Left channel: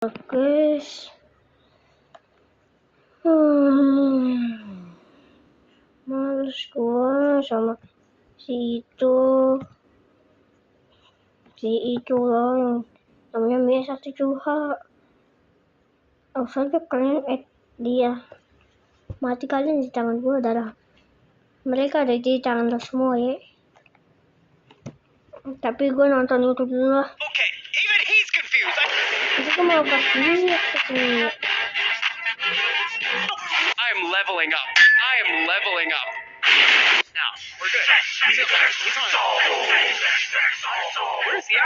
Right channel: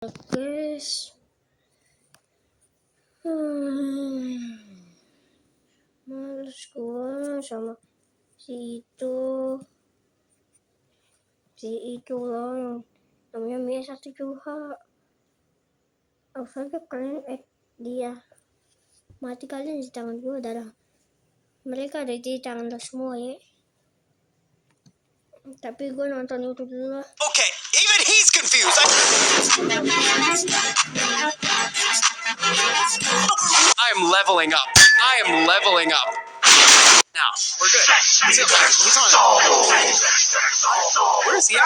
Guys, hmm, males gua sama si itu loh yang namanya Mia satu Juha. Harus aja kalian dia mati kalian di tangan gua, darah mereka ada di tangan lo semua ya. Tapi gua nonton YouTube dulu lah. Okay, even he's confused. Aku mau bahas I am leveling up. Now, we're good. He's on. Where is he at?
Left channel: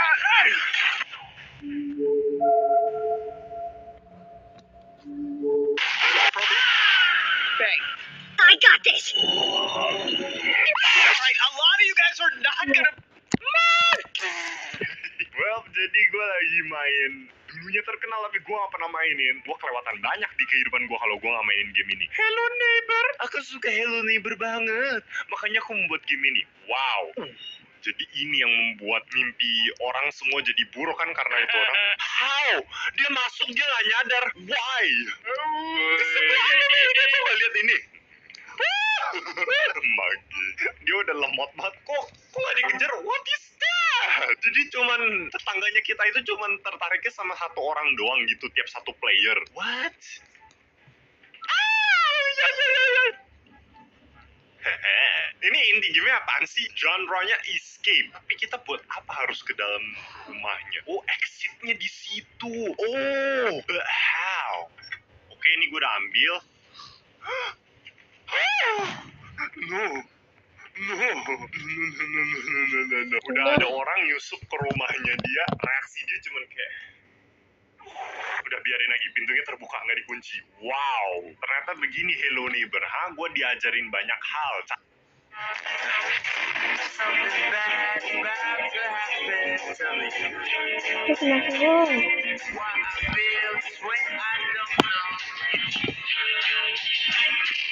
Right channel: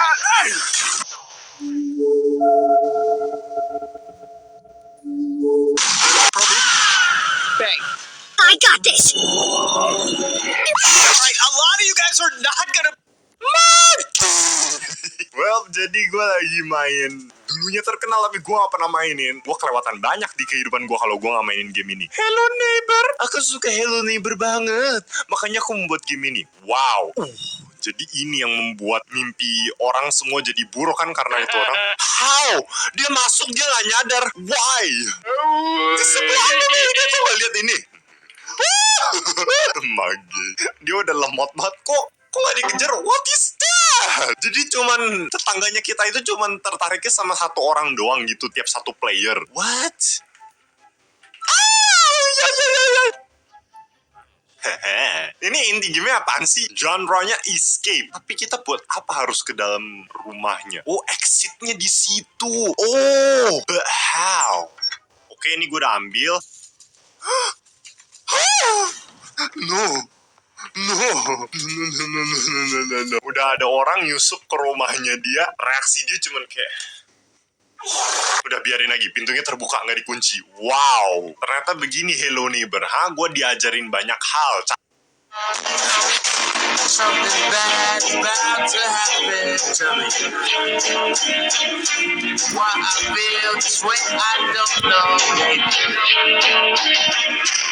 Bang. I got this. Alright, a lot of you guys are not gonna... Well, jadi gue lagi main. Dulunya terkenal tapi gue gak pernah mainin. Gue kelewatan banyak di kehidupan gue kalau gue gak mainin game ini. Hello Neighbor. Aku suka Hello Neighbor banget. Makanya aku membuat game ini. Wow. Jadi ini yang membuat mimpi orang semua jadi buruk kan karena itu orang. How? Dia masuk dia gak nyadar. Why? Di sebelahnya dia coba lihat ini. Magi. Dia udah lemot banget kok gak dikejar. What is that? Jadi cuman tetangganya kita itu cuman tertariknya sama satu orang doang gitu tiap satu player. What? Ini inti game apaan sih? Genre-nya escape. Tapi kita buat apa harus ke dalam rumahnya? Oh, exit-nya di situ. Oh, but how? Oke, ini gue udah ambil. No. Udah ada orang nyusup ke rumahnya dia. Reaksi dia cuman kayak udah biarin lagi, pintunya terbuka nggak dikunci. Wow, ternyata begini Hello Neighbor. Gue diajarin banyak hal. Something bad's about to happen to me. Why I feel this way, I don't know.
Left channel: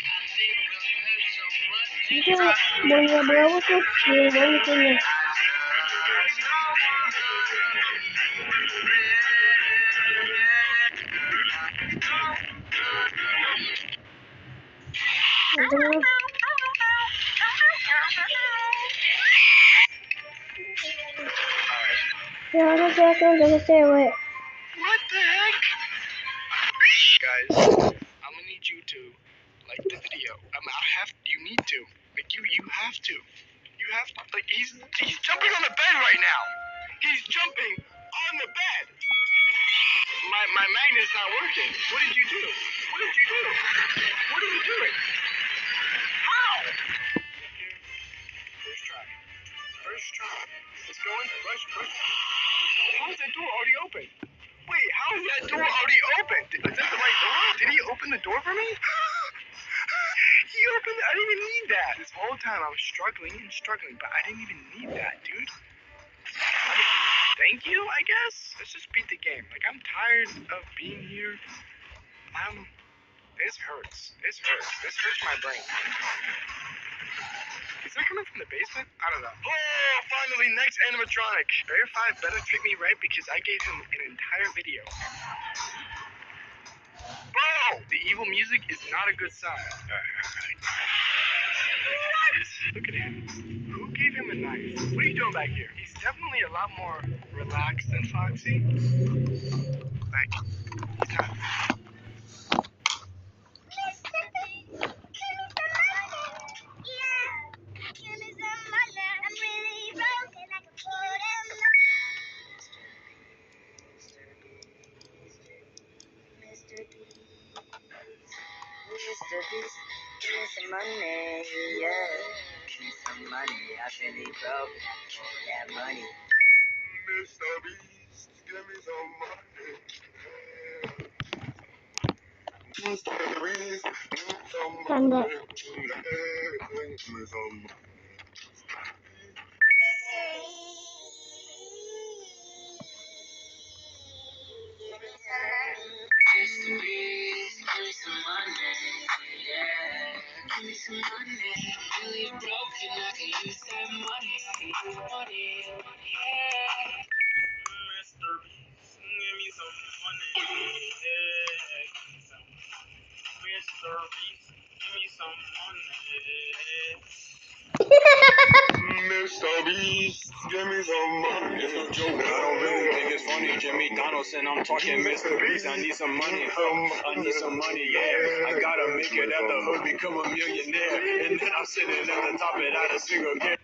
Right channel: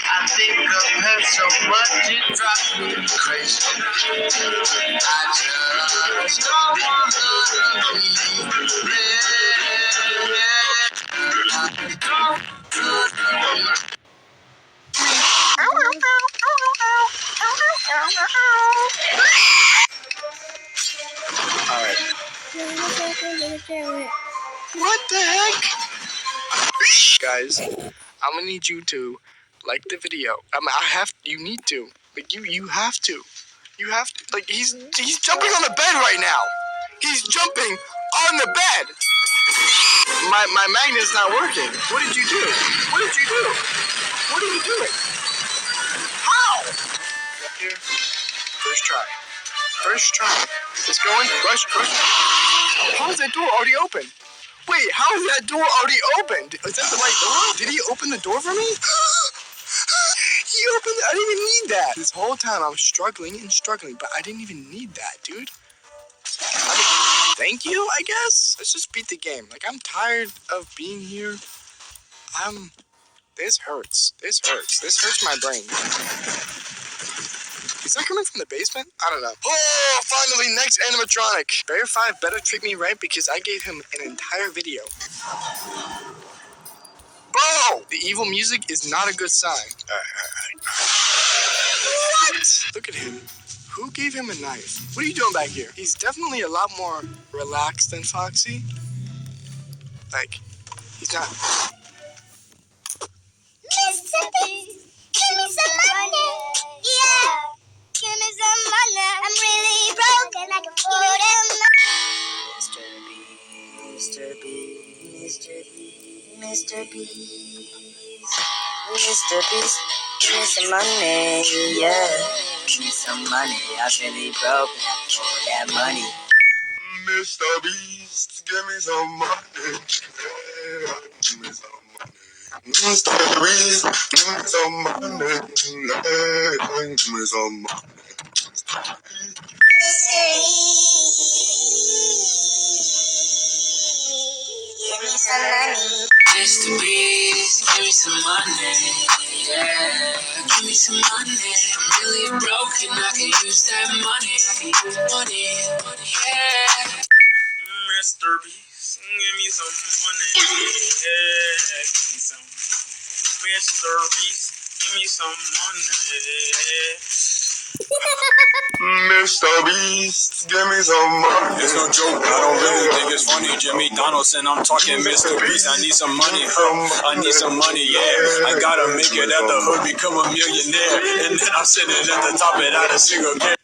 I think of her so much, it drives me crazy. I just don't wanna leave. What the heck? Guys, I'm gonna need you to like the video. You need to. Like, you have to. You have to. Like, he's jumping on the bed right now. He's jumping on the bed. My magnet's not working. What did you do? What are you doing? How? Up here. First try. It's going. Rush. How is that door already open? Wait, how is that door already opened? Is that the right door? Did he open the door for me? He opened it. I didn't even need that. This whole time I was struggling, but I didn't even need that, dude. I mean, thank you, I guess? Let's just beat the game. Like, I'm tired of being here. This hurts. This hurts my brain. Is that coming from the basement? I don't know. Oh, finally, next animatronic. Bear 5 better treat me right because I gave him an entire video. Bro! The evil music is not a good sign. What? Look at him. Who gave him a knife? What are you doing back here? He's definitely a lot more relaxed than Foxy. Like, he's not... Mr. Beast, give me some money. Yeah, give me some money. I'm really broke and I can put in Mr. Beast, give me some money. Yeah, give me some money. I'm really broke and I can put that money. Mr. Beast, give me some money. Yeah, give me some money. Mr. Beast, give me some money. Yeah, give me some money. Mr. Beast, give me some money. Yeah, give me some money. I'm really broke and I can use that money. Yeah. Mr. Beast, Give me some money. Yeah, give me some. Mr. Beast, give me some money. Mr. Beast, give me some money. It's no joke, I don't really think it's funny. Jimmy Donaldson, I'm talking Mr. Beast. I need some money. I need some money, yeah. I gotta make it at the hood, become a millionaire. And then I'm sitting at the top without a single care.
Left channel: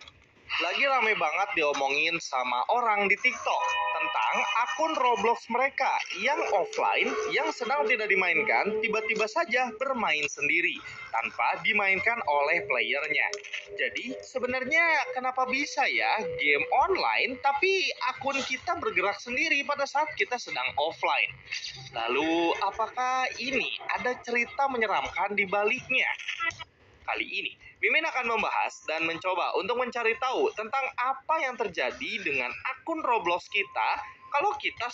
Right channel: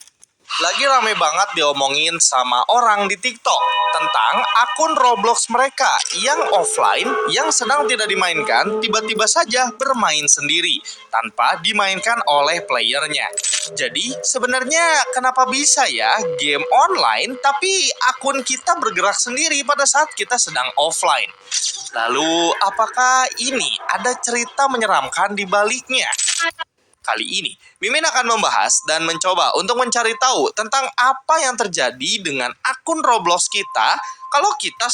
Lagi rame banget diomongin sama orang di TikTok tentang akun Roblox mereka yang offline yang sedang tidak dimainkan tiba-tiba saja bermain sendiri tanpa dimainkan oleh playernya. Jadi sebenarnya kenapa bisa ya game online tapi akun kita bergerak sendiri pada saat kita sedang offline? Lalu apakah ini ada cerita menyeramkan di baliknya? Kali ini, Mimin akan membahas dan mencoba untuk mencari tahu tentang apa yang terjadi dengan akun Roblox kita kalau kita...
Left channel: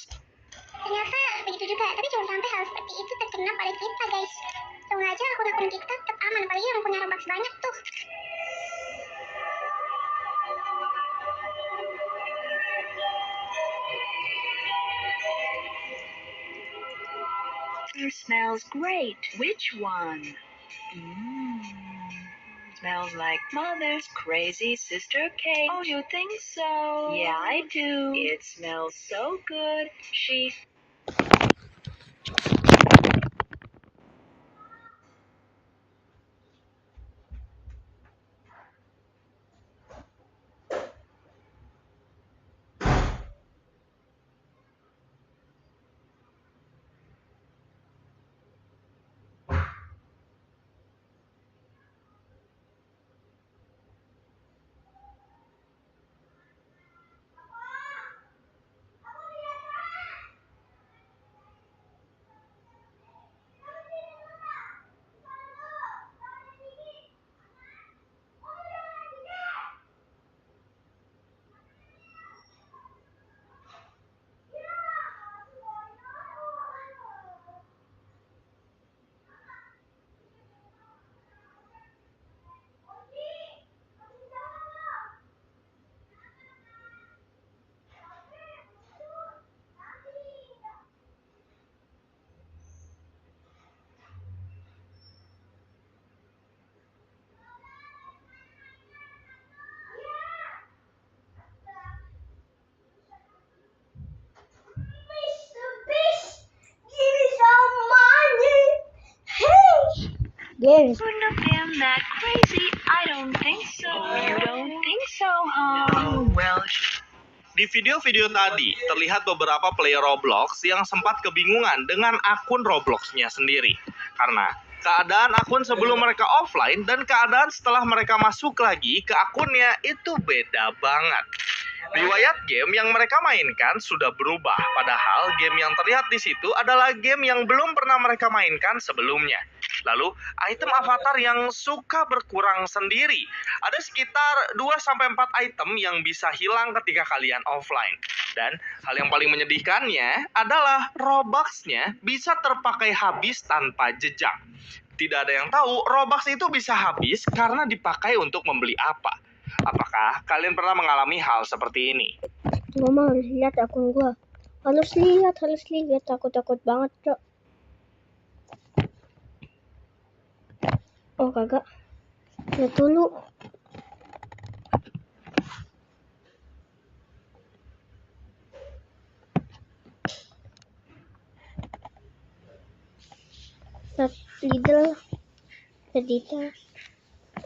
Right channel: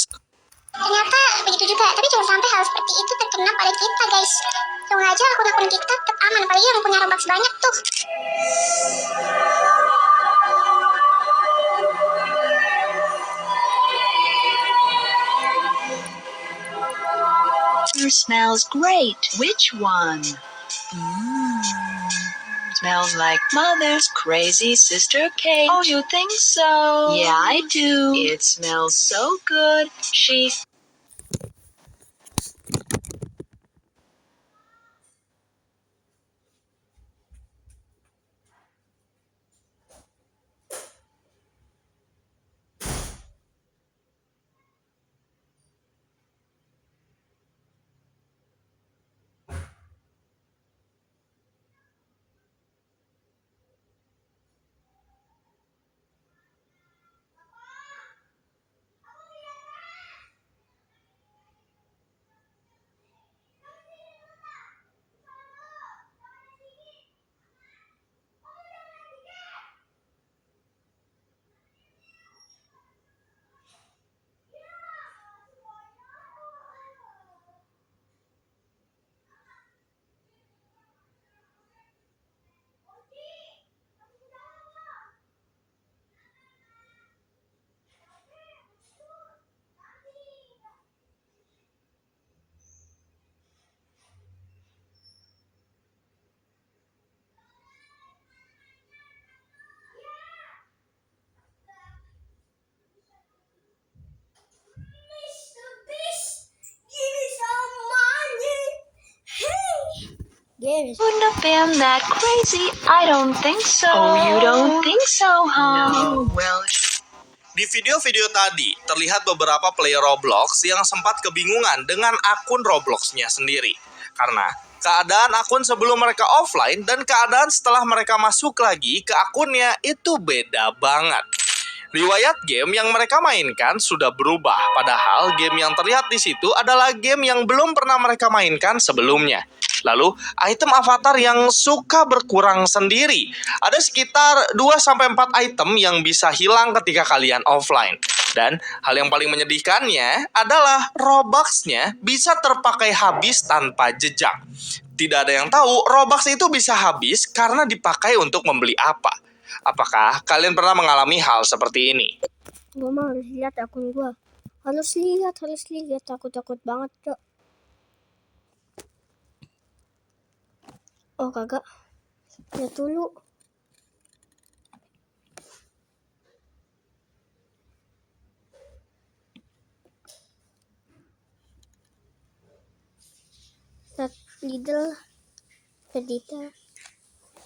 Ternyata begitu juga, tapi jangan sampai hal seperti itu terkena pada kita, guys. Semoga aja akun-akun kita tetap aman, apalagi yang punya Robux banyak tuh. Smells great. Which one? Smells like Mother's crazy sister cake. Oh, you think so? Yeah, I do. It smells so good. She... Games. Wouldn't have been that crazy. I don't think so. Oh, you don't think so, huh? No, well... Di video-video tadi, terlihat beberapa player Roblox yang sempat kebingungan dengan akun Roblox-nya sendiri. Karena keadaan akun sebelum mereka offline dan keadaan setelah mereka masuk lagi ke akunnya itu beda banget. Riwayat game yang mereka mainkan sudah berubah, padahal game yang terlihat di situ adalah game yang belum pernah mereka mainkan sebelumnya. Lalu, item avatar yang suka berkurang sendiri. Ada sekitar 2-4 item yang bisa hilang ketika kalian offline. Dan hal yang paling menyedihkannya adalah Robux-nya bisa terpakai habis tanpa jejak. Tidak ada yang tahu Robux itu bisa habis karena dipakai untuk membeli apa. Apakah kalian pernah mengalami hal seperti ini? Mama harus lihat akun gua. Harus lihat. Takut banget, Cok. Oh, kagak. Lihat dulu. Lihat Lidl.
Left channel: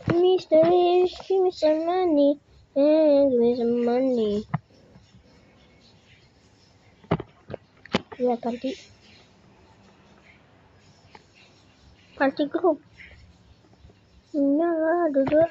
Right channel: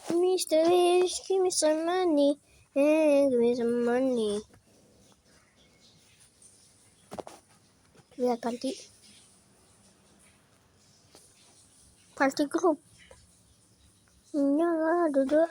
Mr. Wish, give me some money. Give me some money. Lihat party group. Nyala dulu.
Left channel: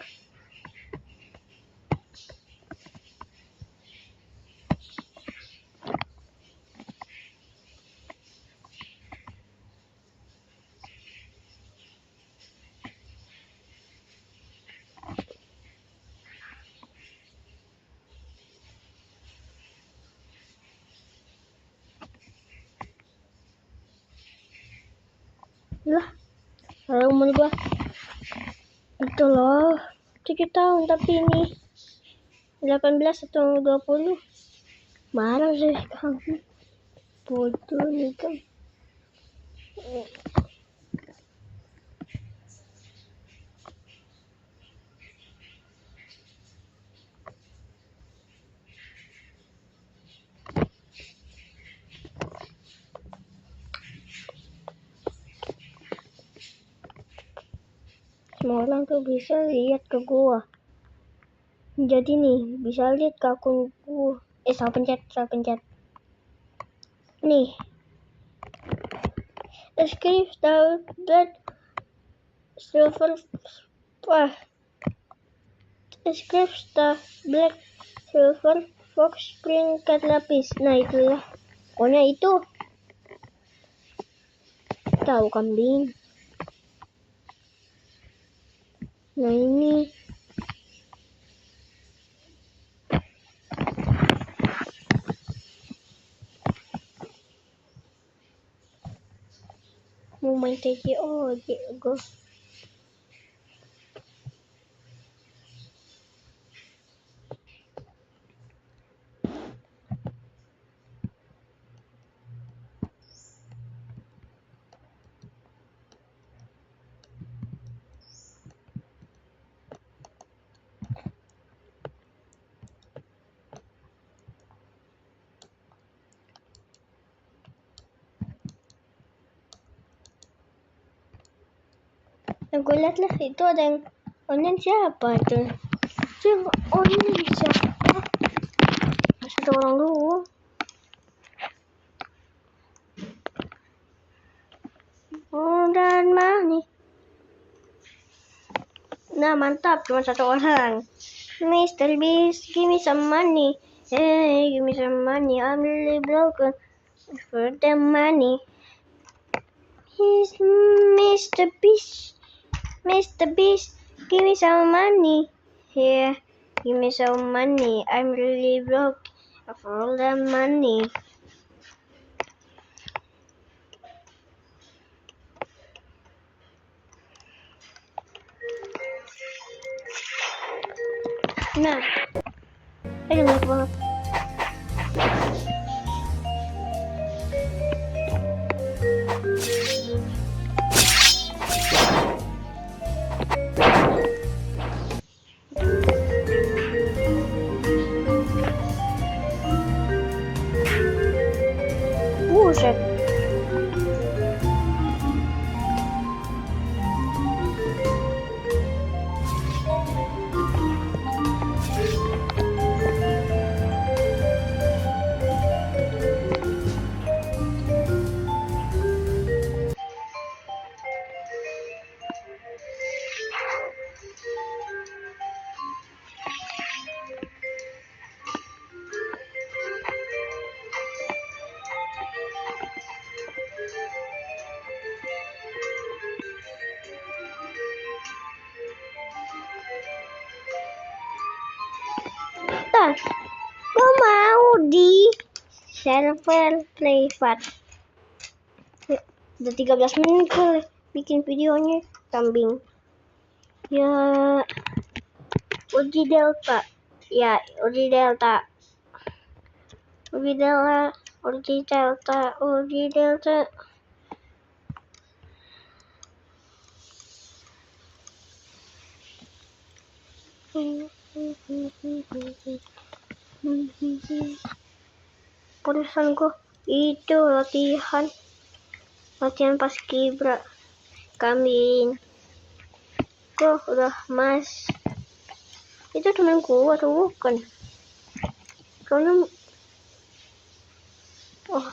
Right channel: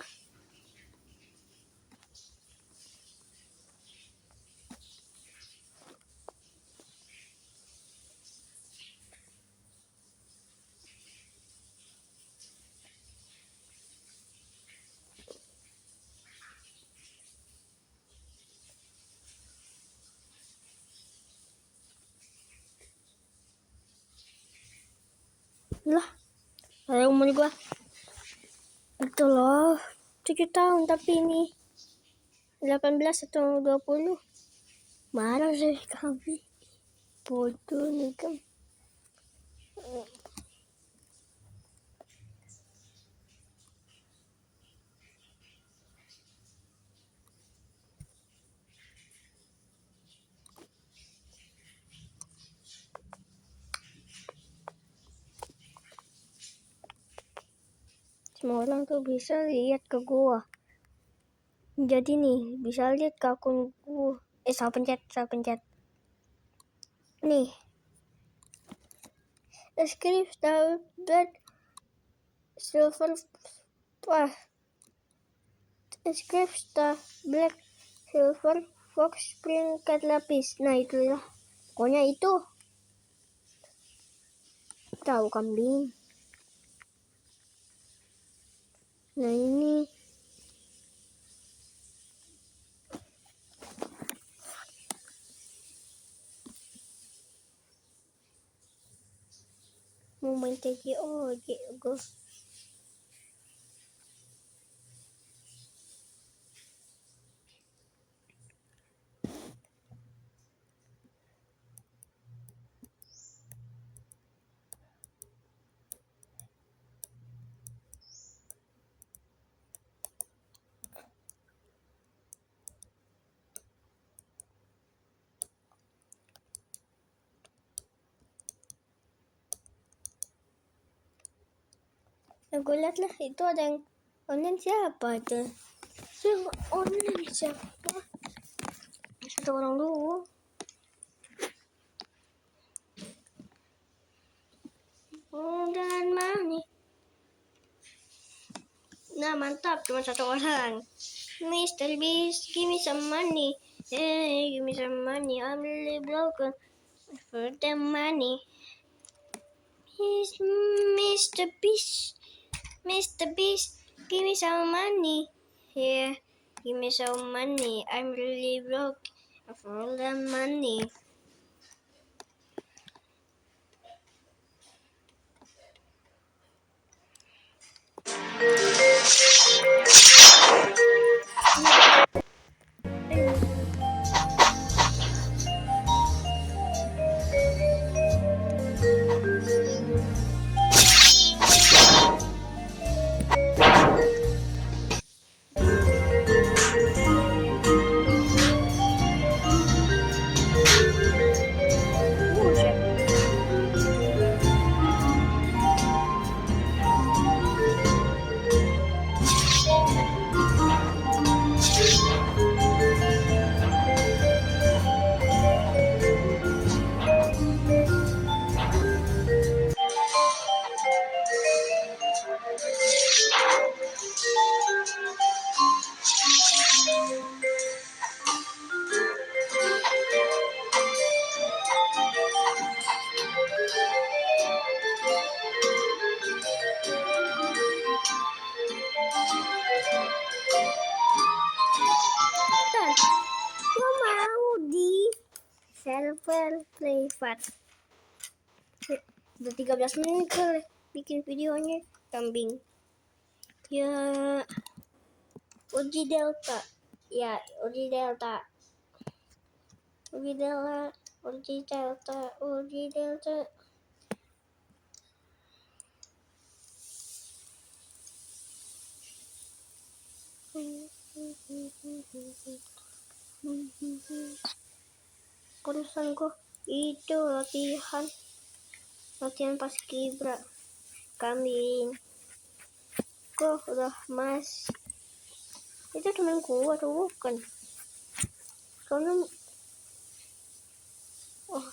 Lah, kalau umur gua itu loh 7 tahun, tapi ini 18 atau 20 marah sih kamu. bodoh nih kan. Semua orang tuh bisa lihat ke gua. Jadi nih, bisa lihat ke akun gua. Salah pencet. Nih. Escape Star Black Silver Escape Star Black Silver Fox peringkat lapis. Nah itu ya. Pokoknya itu. Tahu kambing. Nah ini. Mau main TGO go. Nah, gue liat lah itu ada yang online siapa itu? Itu online siapa? Satu orang dulu. Dan money. Nah mantap, cuma satu orang. Mr. Beast, give me some money. Hey, give me some money. I'm really broken for the money. He's Mr. Beast. Mr. Beast, give me some money. Here, give me some money. I'm really broke for all the money. Nah, aduh banget. Buset. Bentar, gue mau di server privat. Ya, udah 13 menit gue bikin videonya kambing. Ya, uji delta. Ya, uji delta. Uji delta. Uji delta. Uji delta. Urusan gue itu latihan pas kibra kambing. Gue udah mas. Itu temen gue atau bukan? Soalnya oh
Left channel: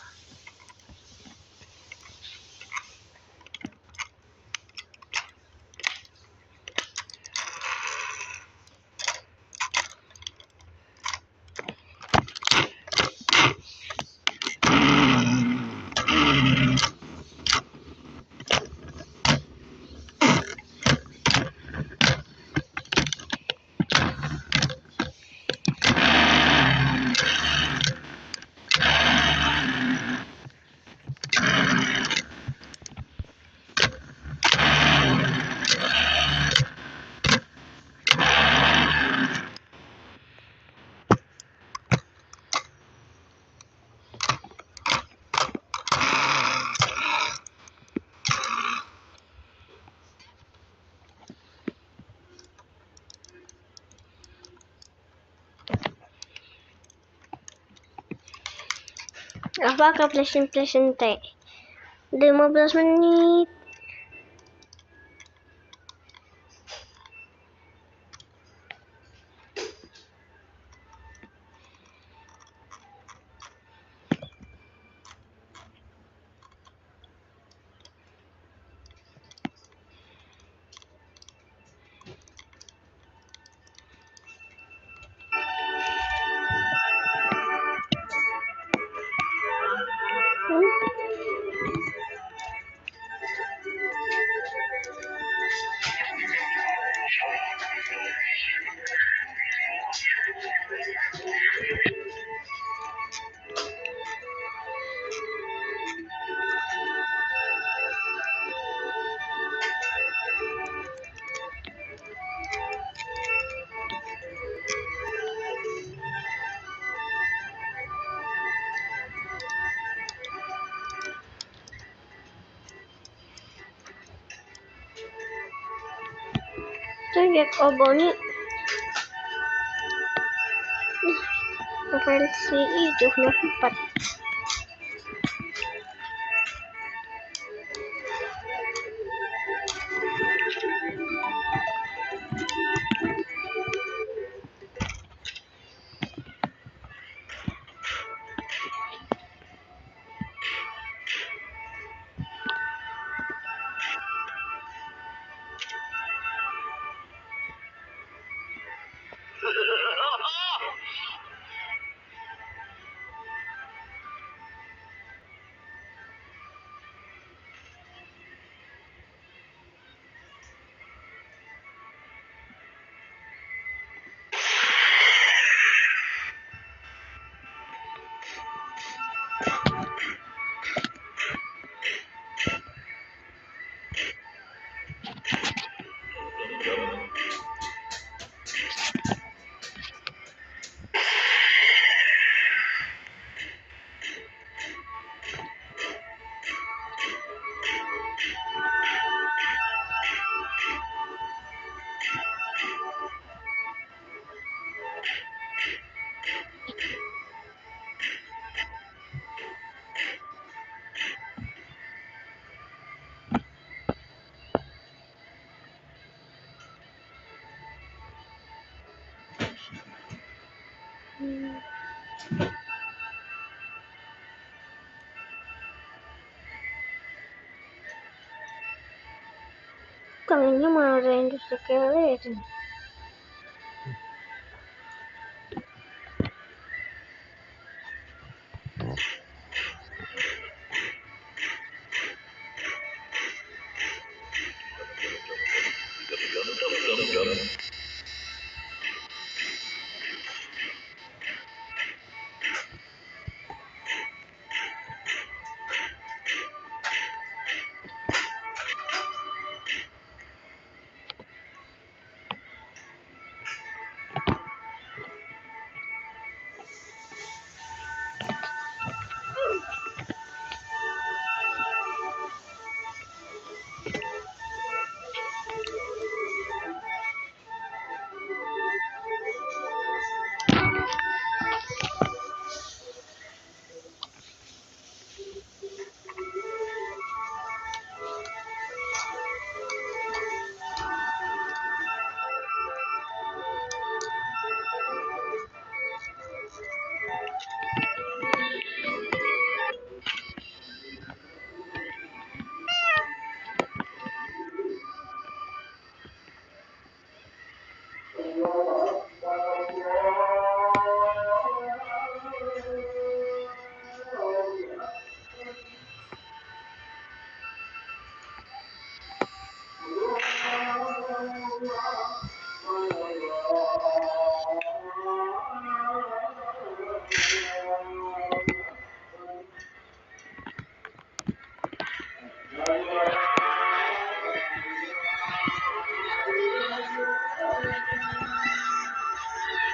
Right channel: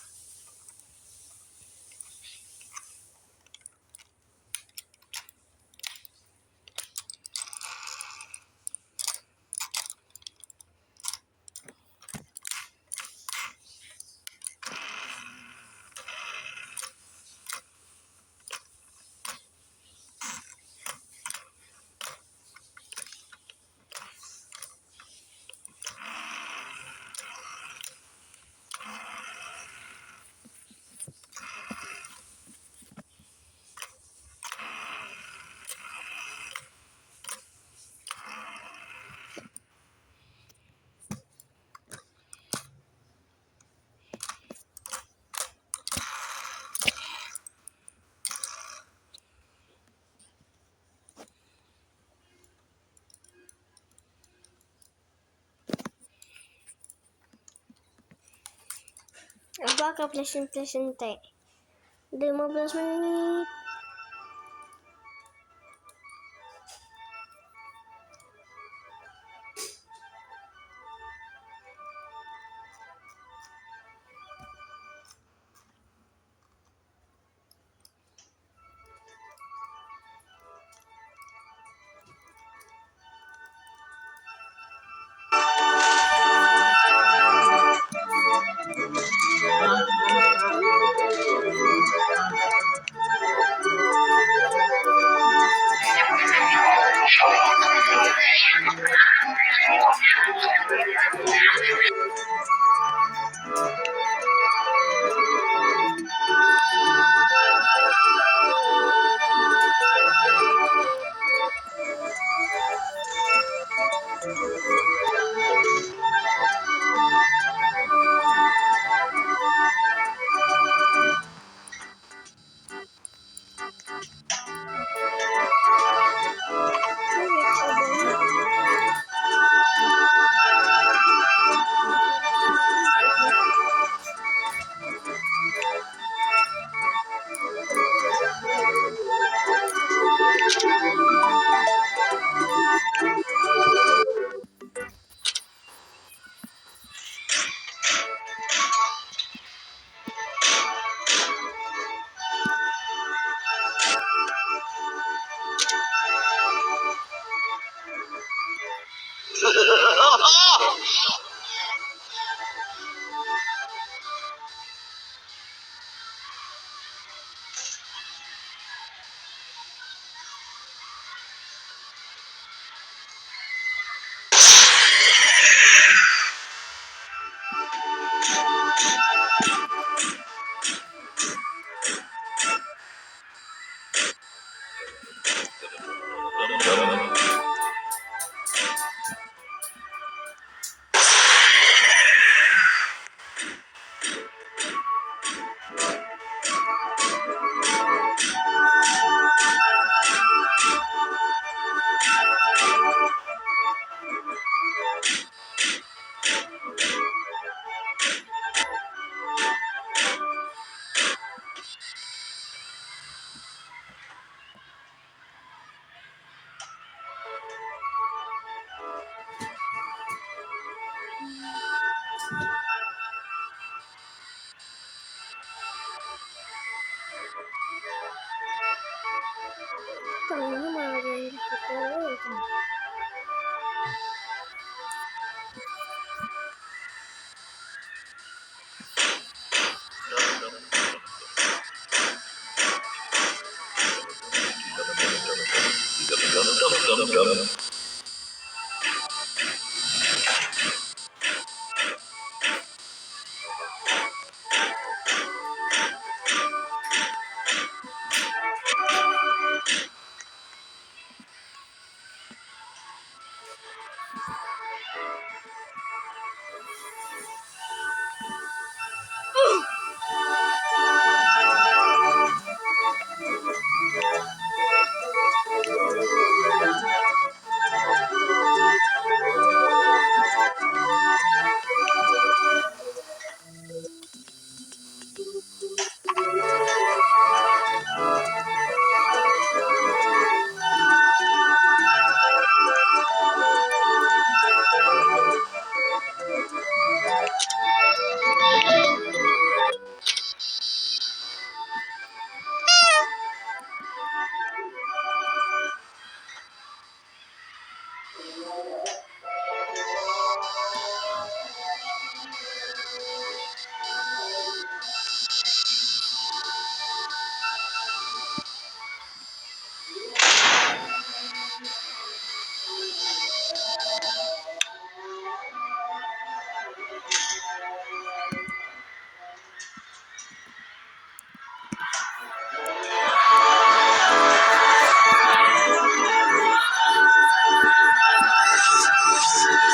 Apakah plesin teh? 15 menit. Saya lihat ogonya versi itu 94. Tangannya malah yang itu.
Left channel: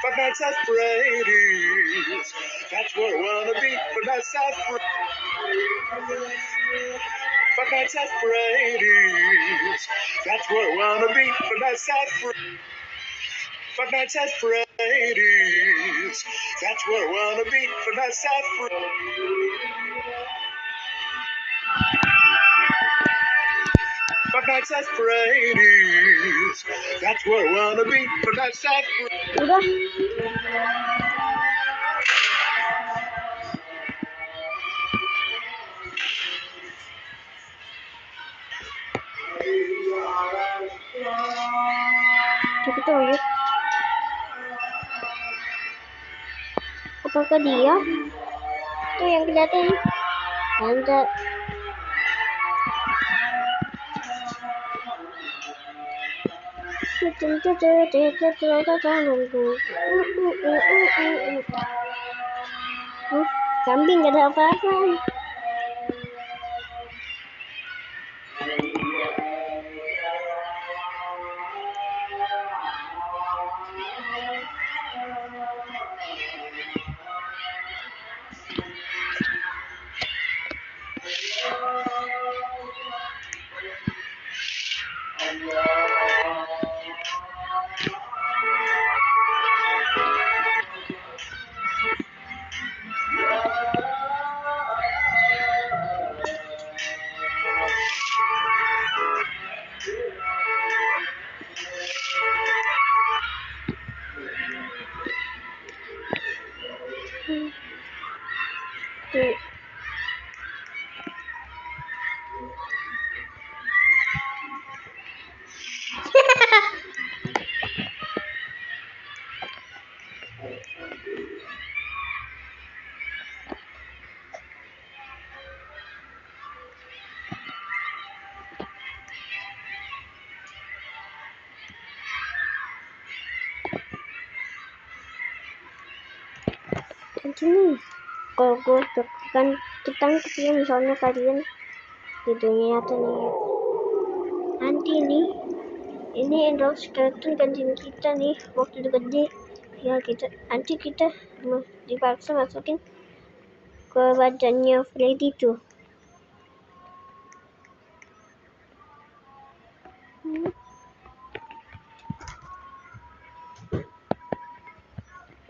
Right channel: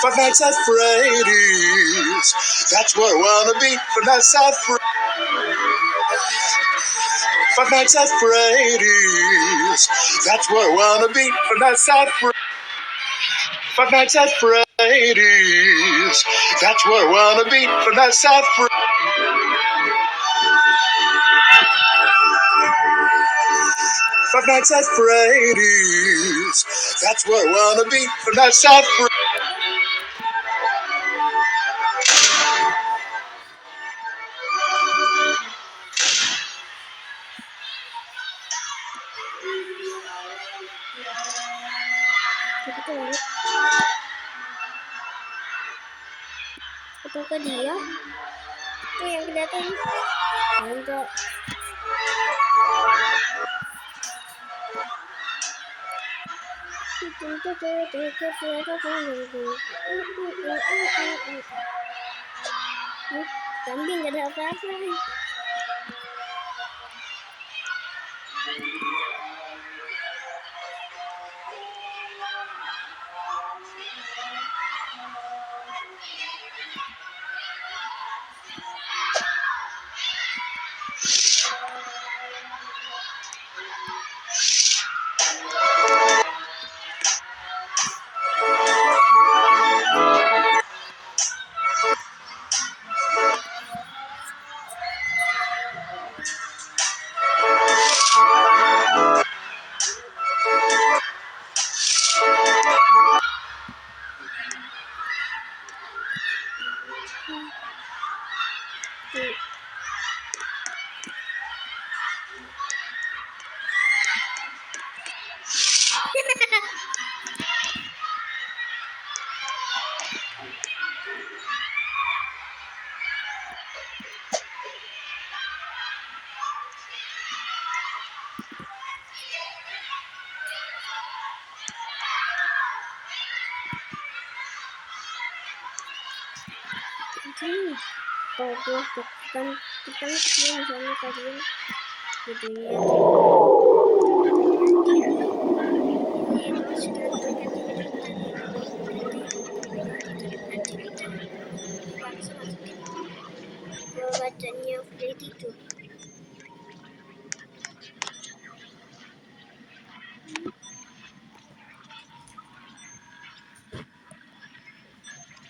Five Nights at Freddy's. That's where I wanna be. Five Nights at Five Nights at Freddy's. That's where I wanna be. Five Nights at Five Nights at Freddy's. That's where I wanna be. Five Nights at Nights at Freddy's. That's where I wanna be. Nights at Freddy's. Udah. Kita tunggu. Apakah dia? Tuh yang kelihatan. Ada. Kambing gak ada apa-apa. Nanti kalau gue tekan kecil misalnya kalian videonya nanti nih ini endoskeleton gantinya kita nih box gede ya nanti kita dipaksa masukin ke badannya Freddy tuh.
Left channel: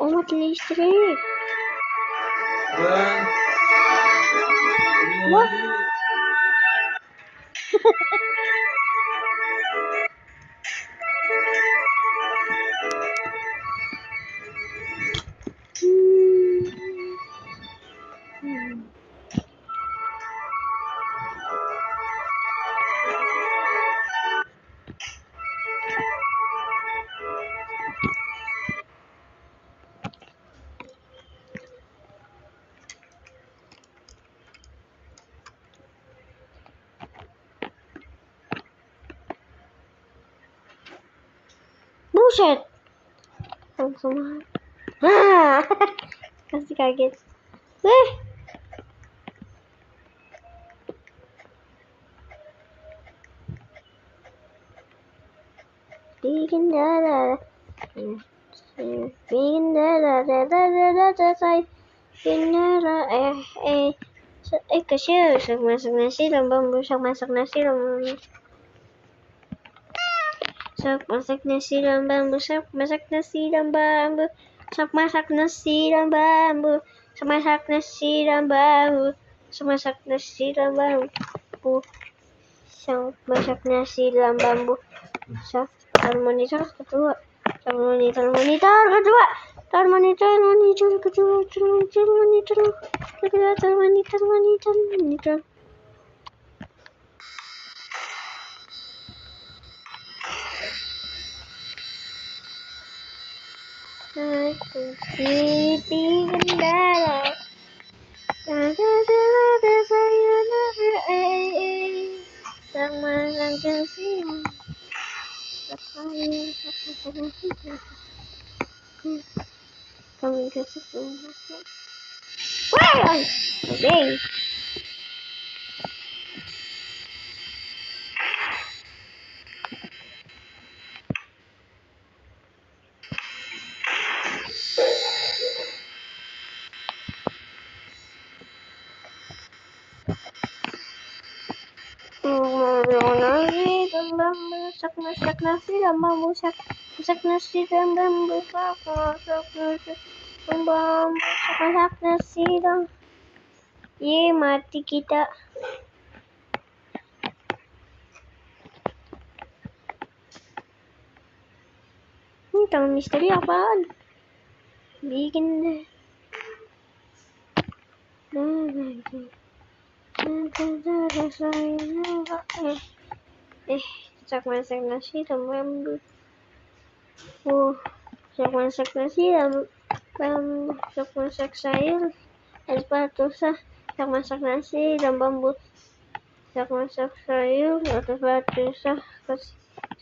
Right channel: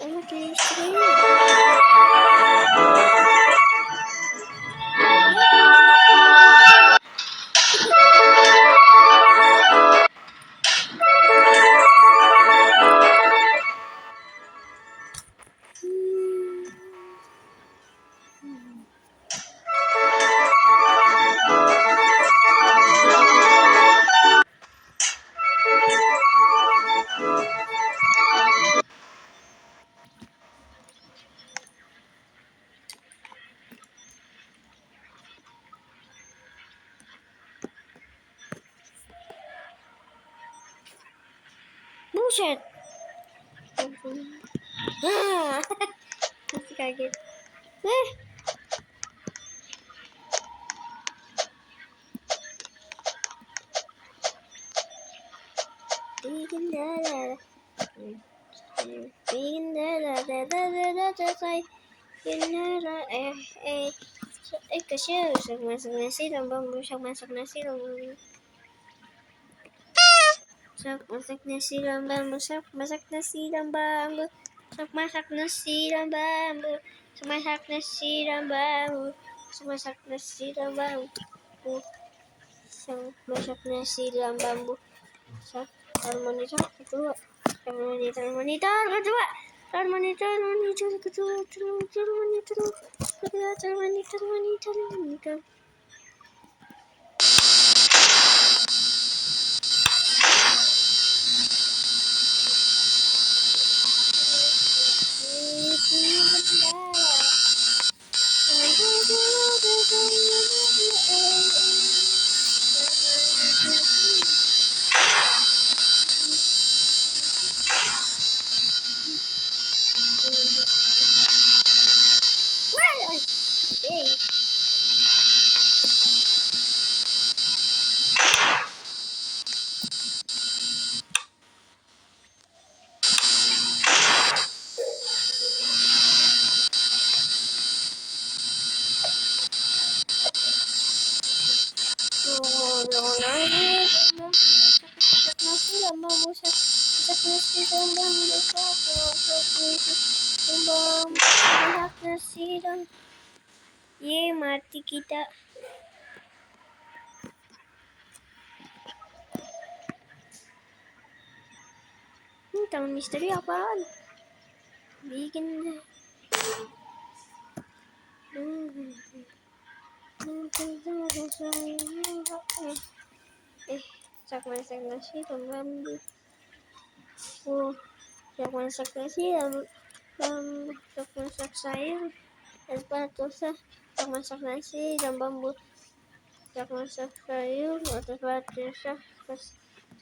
Oh, mati listrik. Buset. Kasih kaget. Bikin darah. Bikin darah. Kecil masak nasi dan bambu masak nasi dan bambu. Masak nasi dan bambu, masak nasi dan bambu, masak nasi dan bambu, masak nasi dan bambu, masak nasi dan bambu, masak nasi dan bambu. Monitor kedua, monitor kedua, monitor. Bikin darah. Okay. Masak nasi dan bambu, masak nasi dan bambu, masak nasi dan mati kita. tangan misteri apaan? Bikin deh. Sak masak nasi dan bambu. Sak masak nasi dan bambu. Sak masak sayur es batu sak masak nasi dan bambu. Sak masak sayur atas batu sak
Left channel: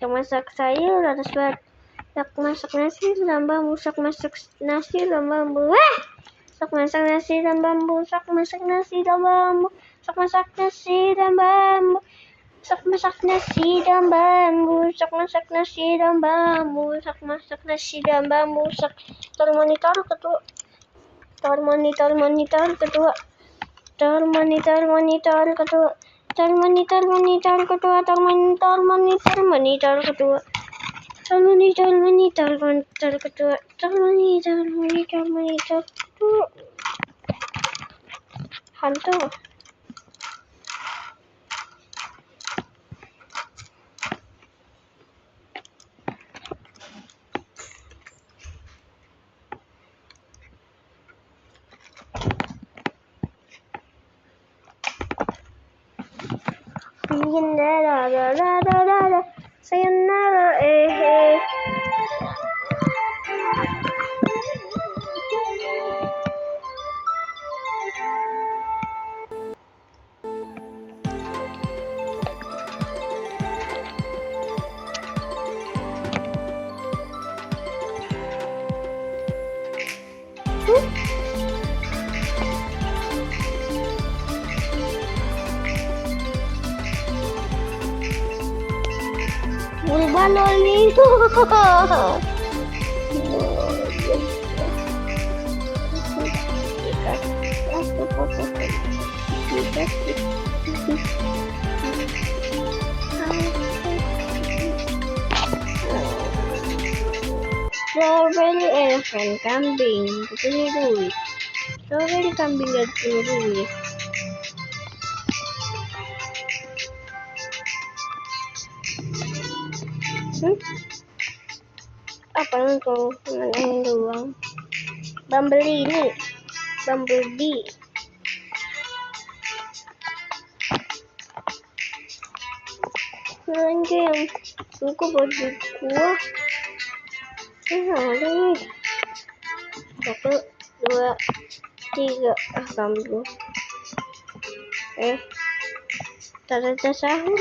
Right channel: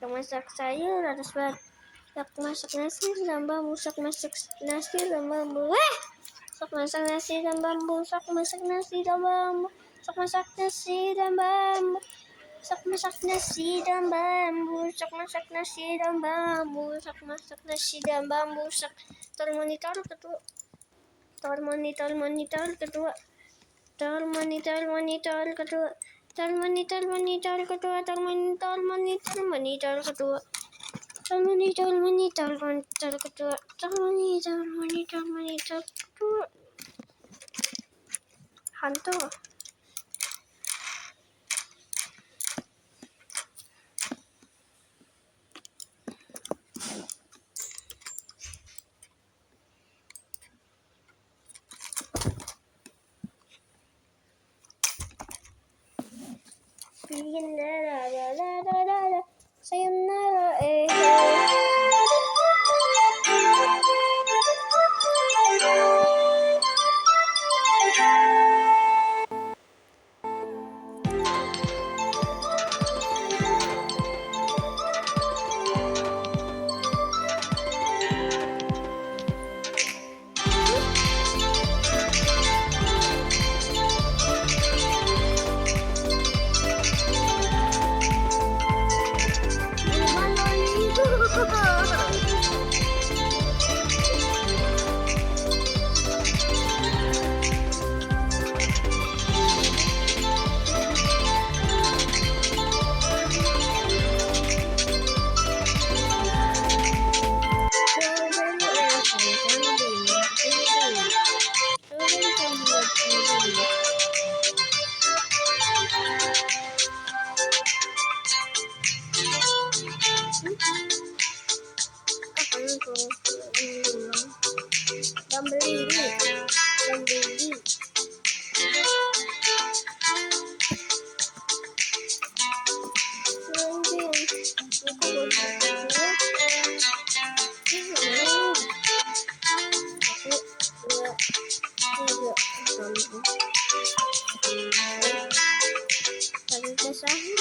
masak sayur atas batu. Sak masak nasi dan bambu. Sak masak nasi dan bambu. Sak masak nasi dan bambu. Sak masak nasi dan bambu. Sak masak nasi dan bambu. Sak masak nasi dan bambu. Sak masak nasi dan bambu. Sak masak nasi dan bambu. Sak monitor ketua. Monitor ketua. Monitor ketua. Monitor ketua. Monitor ketua. Monitor ketua. Monitor ketua. Hantu. Sayonara, Balonito. Strawberry elephant kambing biru. Strawberry kambing biru. Apa yang kau menangin doang? Bumblebee. Anjing, aku baju gua. Ini 1, 2, 3 kambing. Tanda sahur.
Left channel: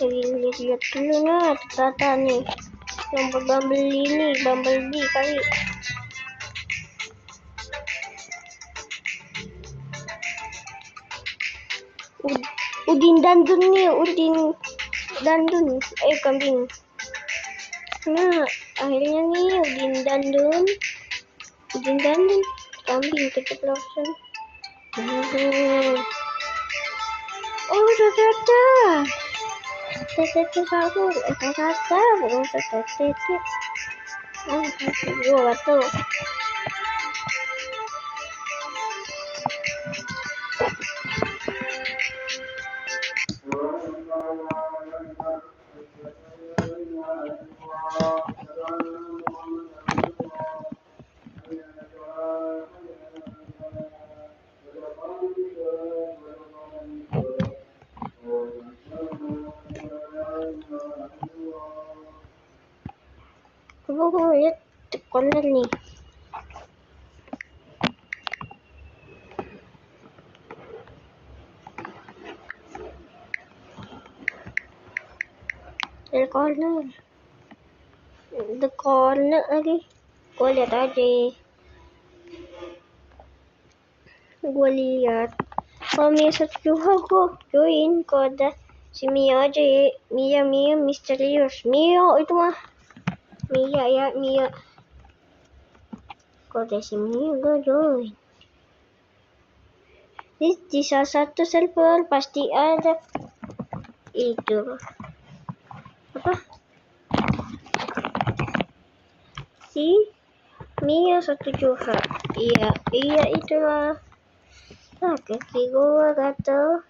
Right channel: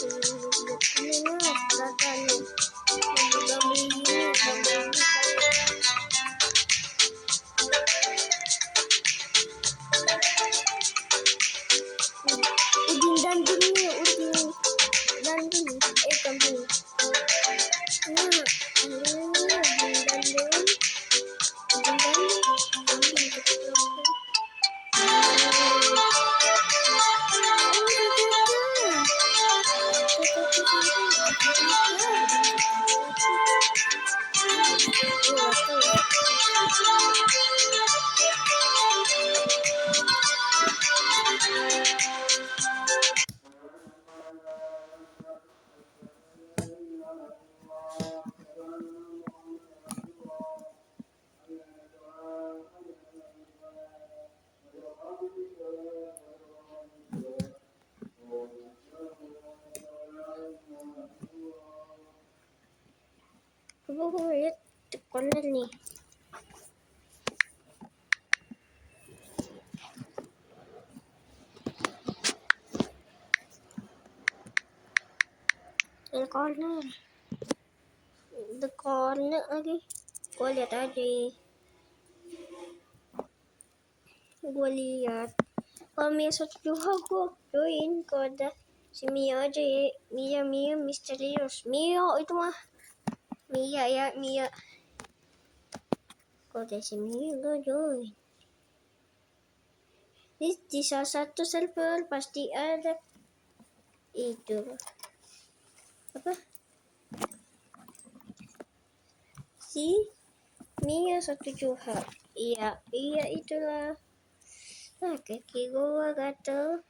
Lihat dulu nih kata nih yang Bumblebee kali. Udin Dandun kambing. Nah akhirnya nih Udin Dandun kambing keceplosan. Oh tata sahur gua tuh. Coba gue lihat corner nih. The corner lagi. Gue lihat aja. Kalau Mia juga gue join. Kalau ada si Mia aja ya. Mia misterius. Mia itu mah. Mia. Kalau ada si Mia gue join. Di salah satu server pasti ada itu apa si Mia 1 Juha. Iya itulah. Kaki gua gatel.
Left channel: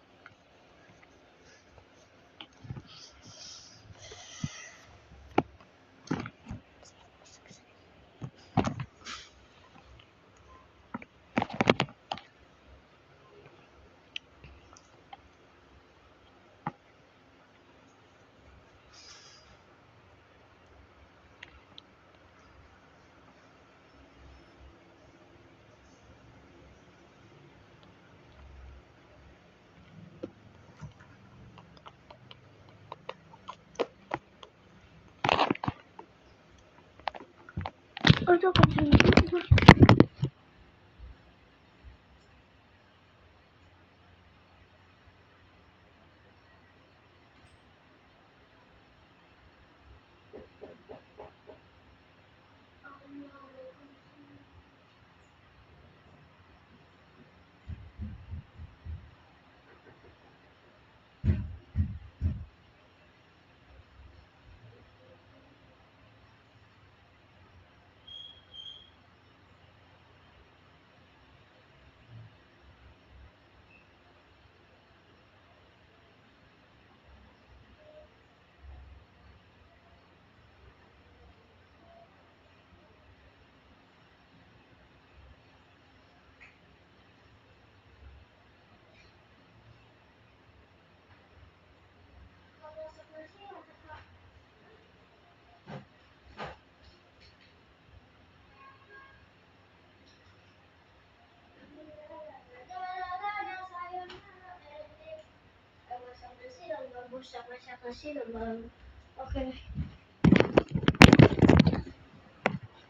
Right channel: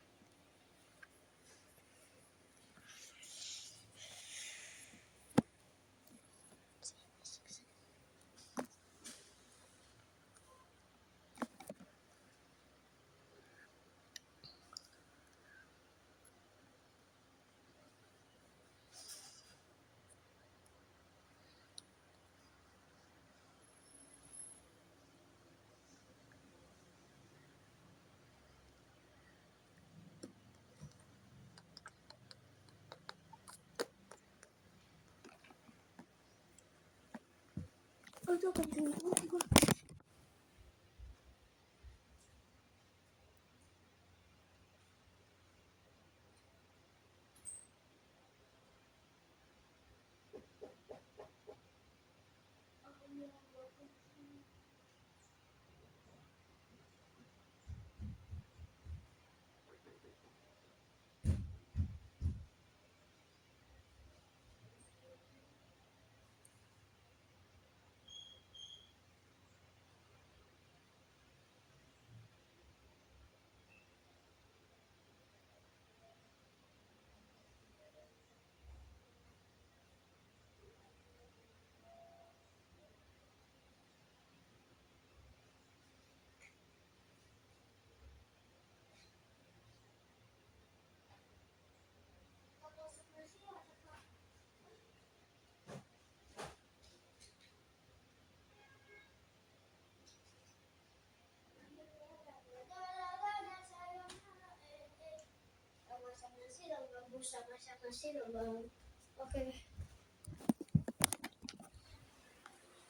Aduh, kenceng.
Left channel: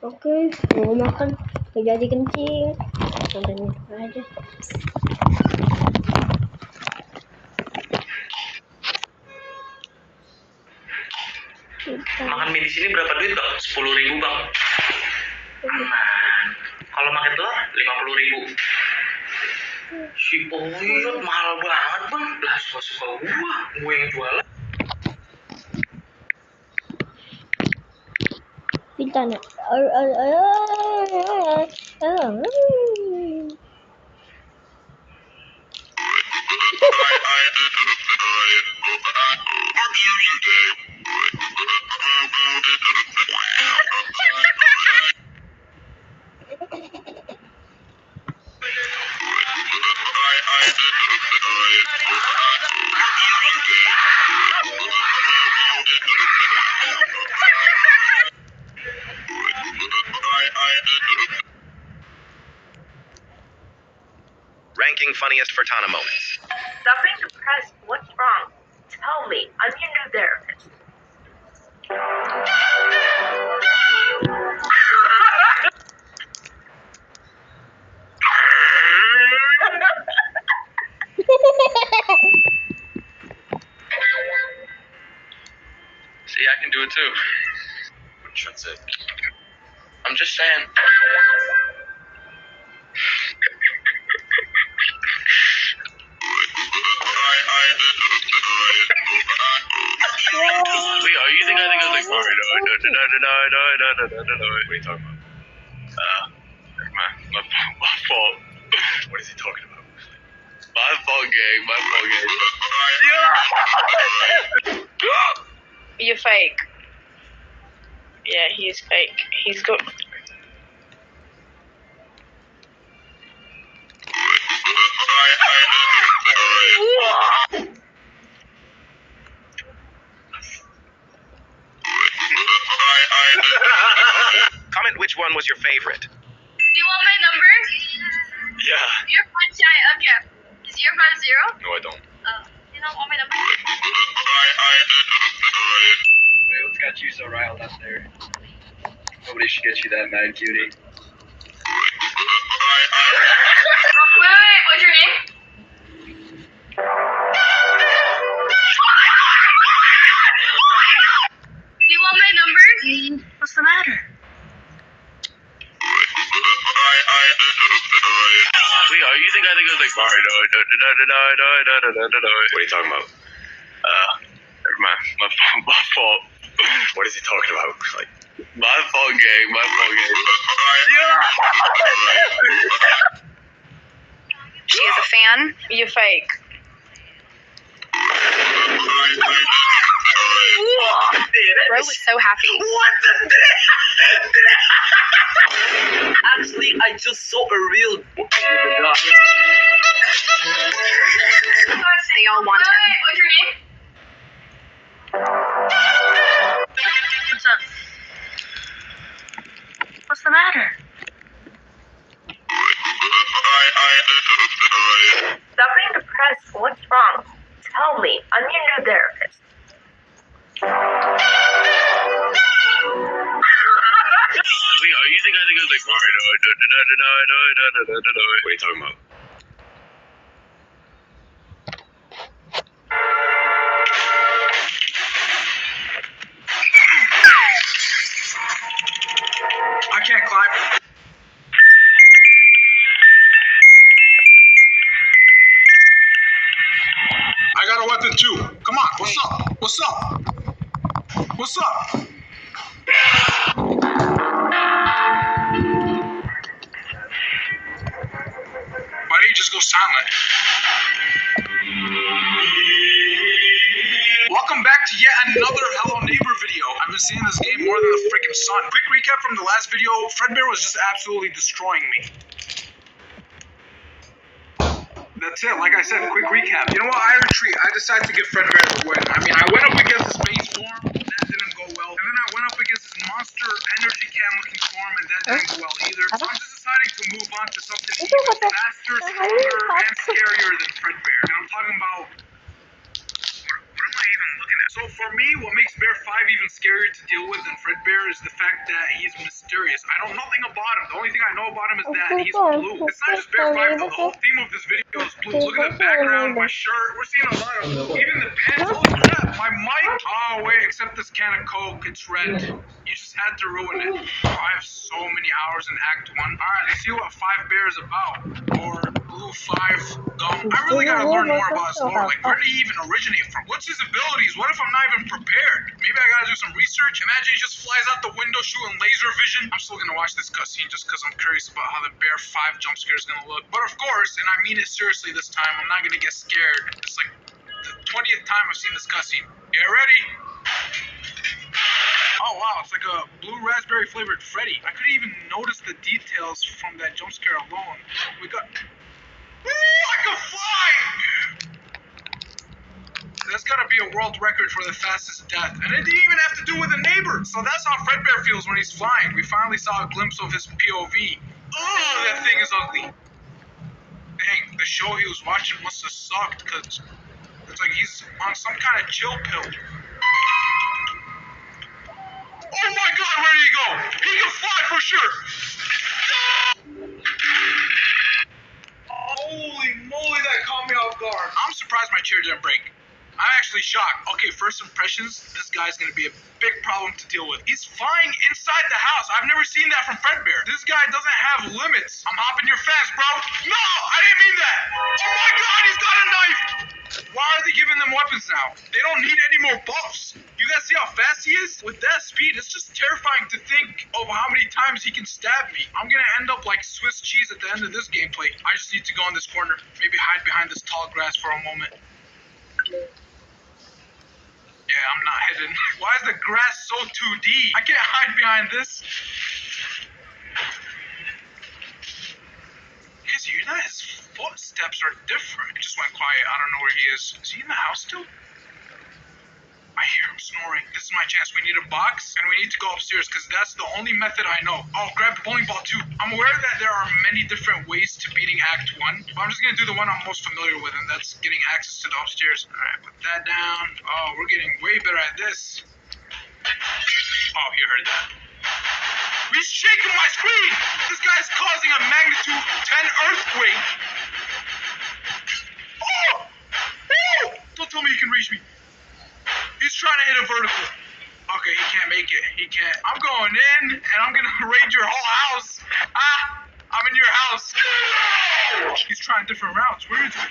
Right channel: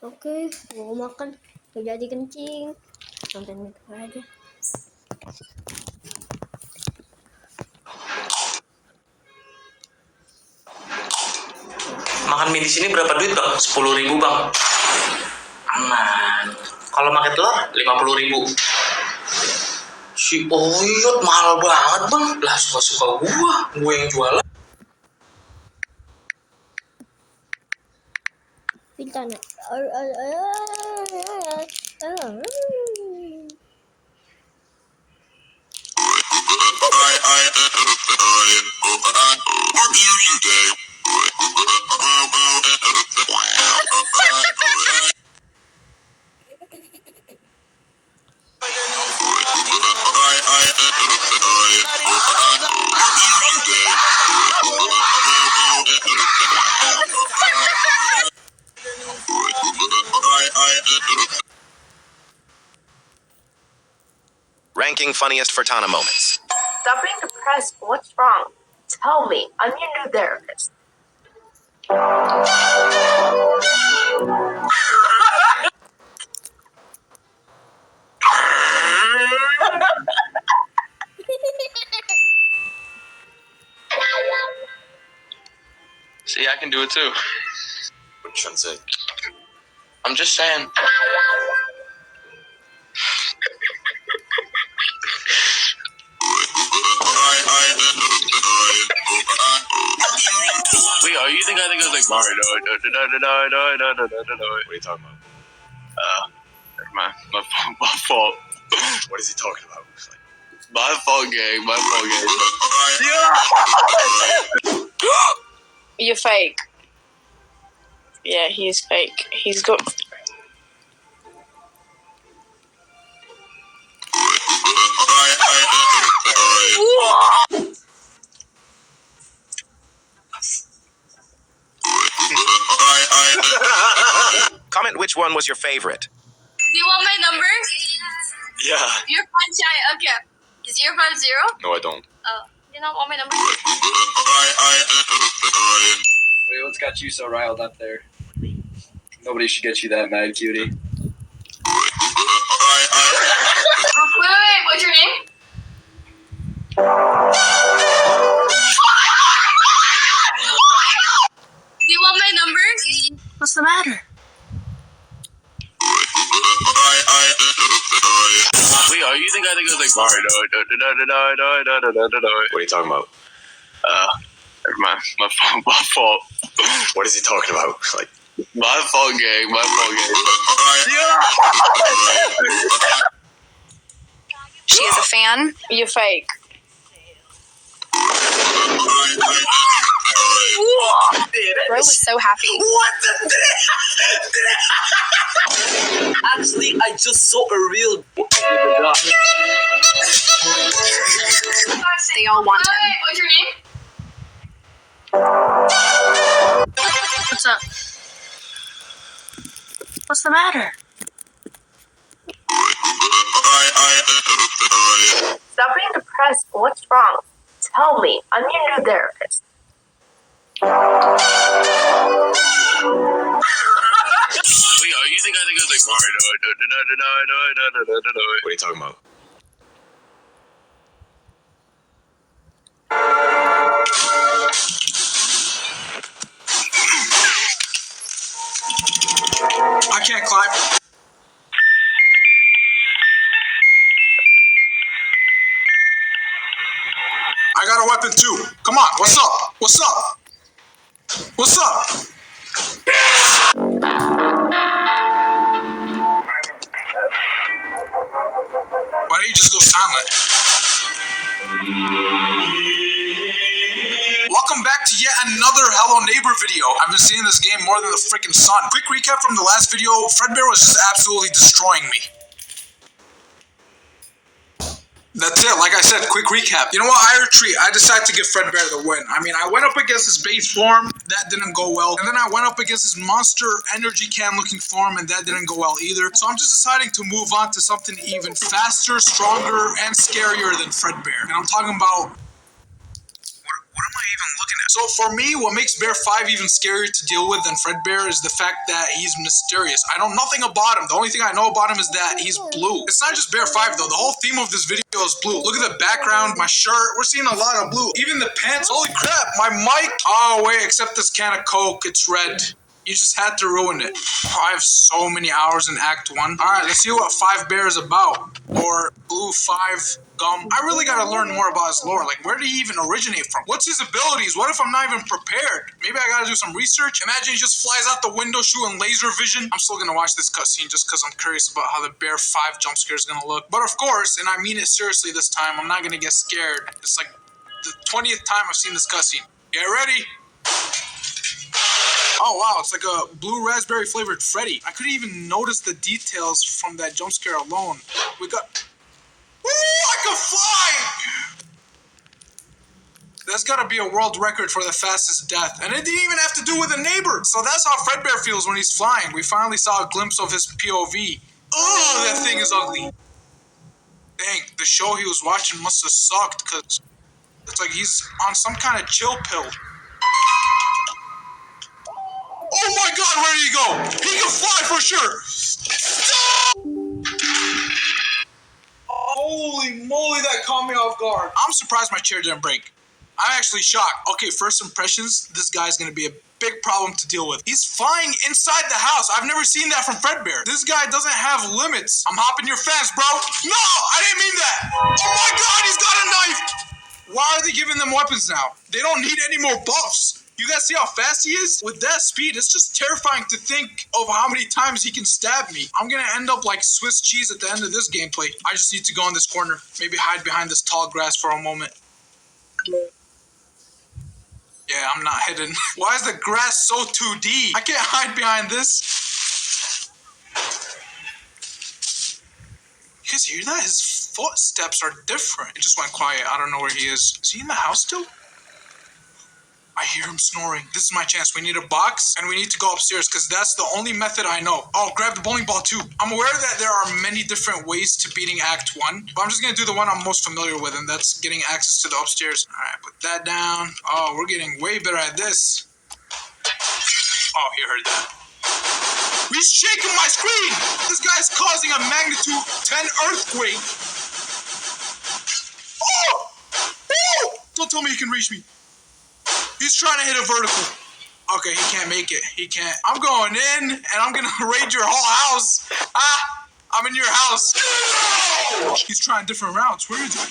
Oke, mau makan gak jadi kencing. Nonton aja. Makan mie di sini berapa duit bang? 10.000 bang. Aman. Kalau makan telur 50.000. Si Oyot mahal banget bang. Lah suka gue yang jualan. Bintana. Ranking funniest Fertana moments. Stop being depressed. What's wrong? Tell me. I'm your new therapist. See, I can do it too. What you trying to say? I'm just saying. Wait, are you the guy that goes like, What are you talking about? my fault. What is he talking about? My fault, gang. You're fake. Yeah, he's fake. He's got. Comment which one was your favorite. Do you want my number? Yeah. 0.5. Okay. Is 050? No, I don't. You don't want my number? Wait, what's got you so riled up there? Nobody should get you that mad, cutie. Wait. What's your name? Do you want my number? What's the matter? Wait, are you the guy that goes like, What are you talking about? my fault. What is he talking about? Like, My fault, gang. She is a fan. You're fake. Bro was so happy. Actually, I just saw a real. They all want him. What's your name? What's up? What's the matter? Stop being depressed. What's wrong? Tell me. I'm your new therapist. Wait, are you the guy are you talking about? I can't climb. I got a weapon too. Come on, what's up? What's up? What's up? Why did you just go silent? Welcome back to yet another Hello Neighbor video. I've been seeing this game more than the freaking sun. Quick recap from the last video, Fredbear was just absolutely destroying me. That's it, like I said, quick recap. You know what, I retreat. I decided to give Fredbear the win. I mean, I went up against his base form, that didn't go well. And then I went up against his monster energy can looking form, and that didn't go well either. So I'm just deciding to move on to something even faster, stronger, and scarier than Fredbear. And I'm talking about... What am I even looking at? So for me, what makes Bear 5 even scarier to deal with than Fredbear is the fact that he's mysterious. I know nothing about him. The only thing I know about him is that he's blue. It's not just Bear 5 though. The whole theme of this video is blue. Look at the background, my shirt. We're seeing a lot of blue. Even the pants. Holy crap, my mic. Oh wait, except this can of Coke, it's red. You just had to ruin it. Oh, I have so many hours in Act 1. Alright, let's see what 5 Bear is about. Or Blue 5 Gum. I really gotta learn more about his lore. Like, where did he even originate from? What's his abilities? What if I'm not even prepared? Maybe I gotta do some research? Imagine he just flies out the window shooting laser vision. I'm still gonna watch this cutscene just because I'm curious about how the Bear 5 jump scare is gonna look. But of course, and I mean it seriously this time, I'm not gonna get scared. It's like the 20th time I've seen this cutscene. Get ready! Oh wow, it's like a blue raspberry flavored Freddy. I couldn't even notice the details from that jump scare alone. We got... Ooh, I can fly! That's gotta be a world record for the fastest death. And it didn't even have to do with a neighbor. So that's how Fredbear feels when he's flying. We finally saw a glimpse of his POV. Oh, that thing is ugly. Dang, the show he was watching must have sucked, because it's like he's on some kind of chill pill. Oh my god, where did he go? He can fly for sure! Holy moly, that caught me off guard. I'm surprised my chair didn't break. I'm actually shocked. Okay, first impressions, this guy's gonna be a big problem to deal with. He's flying inside the house. I've never seen that from Fredbear. This guy doesn't have limits. I'm hopping your fence, bro. No, I didn't mean that. Oh my god, he's got a knife. Why are they giving them weapons now? They don't need any more buffs. You guys see how fast he is? With that speed, it's just terrifying to think of how many times he can stab me. I'm gonna end up like Swiss cheese at the end of this gameplay. I just need to go in this corner. Maybe hide behind this tall grass for a moment. Yeah, I'm not hidden. Why is the grass so 2D? I can't hide behind this. You guys hear that? His footsteps are different. It just went quiet. I don't know where he is. Is he in the house still? I hear him snoring. This is my chance. We need a box, and we need to go upstairs, because that's the only method I know. Oh, grab the bowling ball, too. I'm aware that there are many different ways to beating Act 1, but I'm just going to do the one I'm most familiar with, and that's getting access to the upstairs. All right, put that down. Oh, we're getting way better at this. Oh, he heard that. He's shaking my screen! This guy's causing a magnitude 10 earthquake. Oh! Oh! Don't tell me he can reach me. He's trying to hit a vertical. Okay, he can't make it. He can't. I'm going in, and I'm gonna raid your whole house. Ah! I'm in your house. He's trying different routes. Where is he? Dang,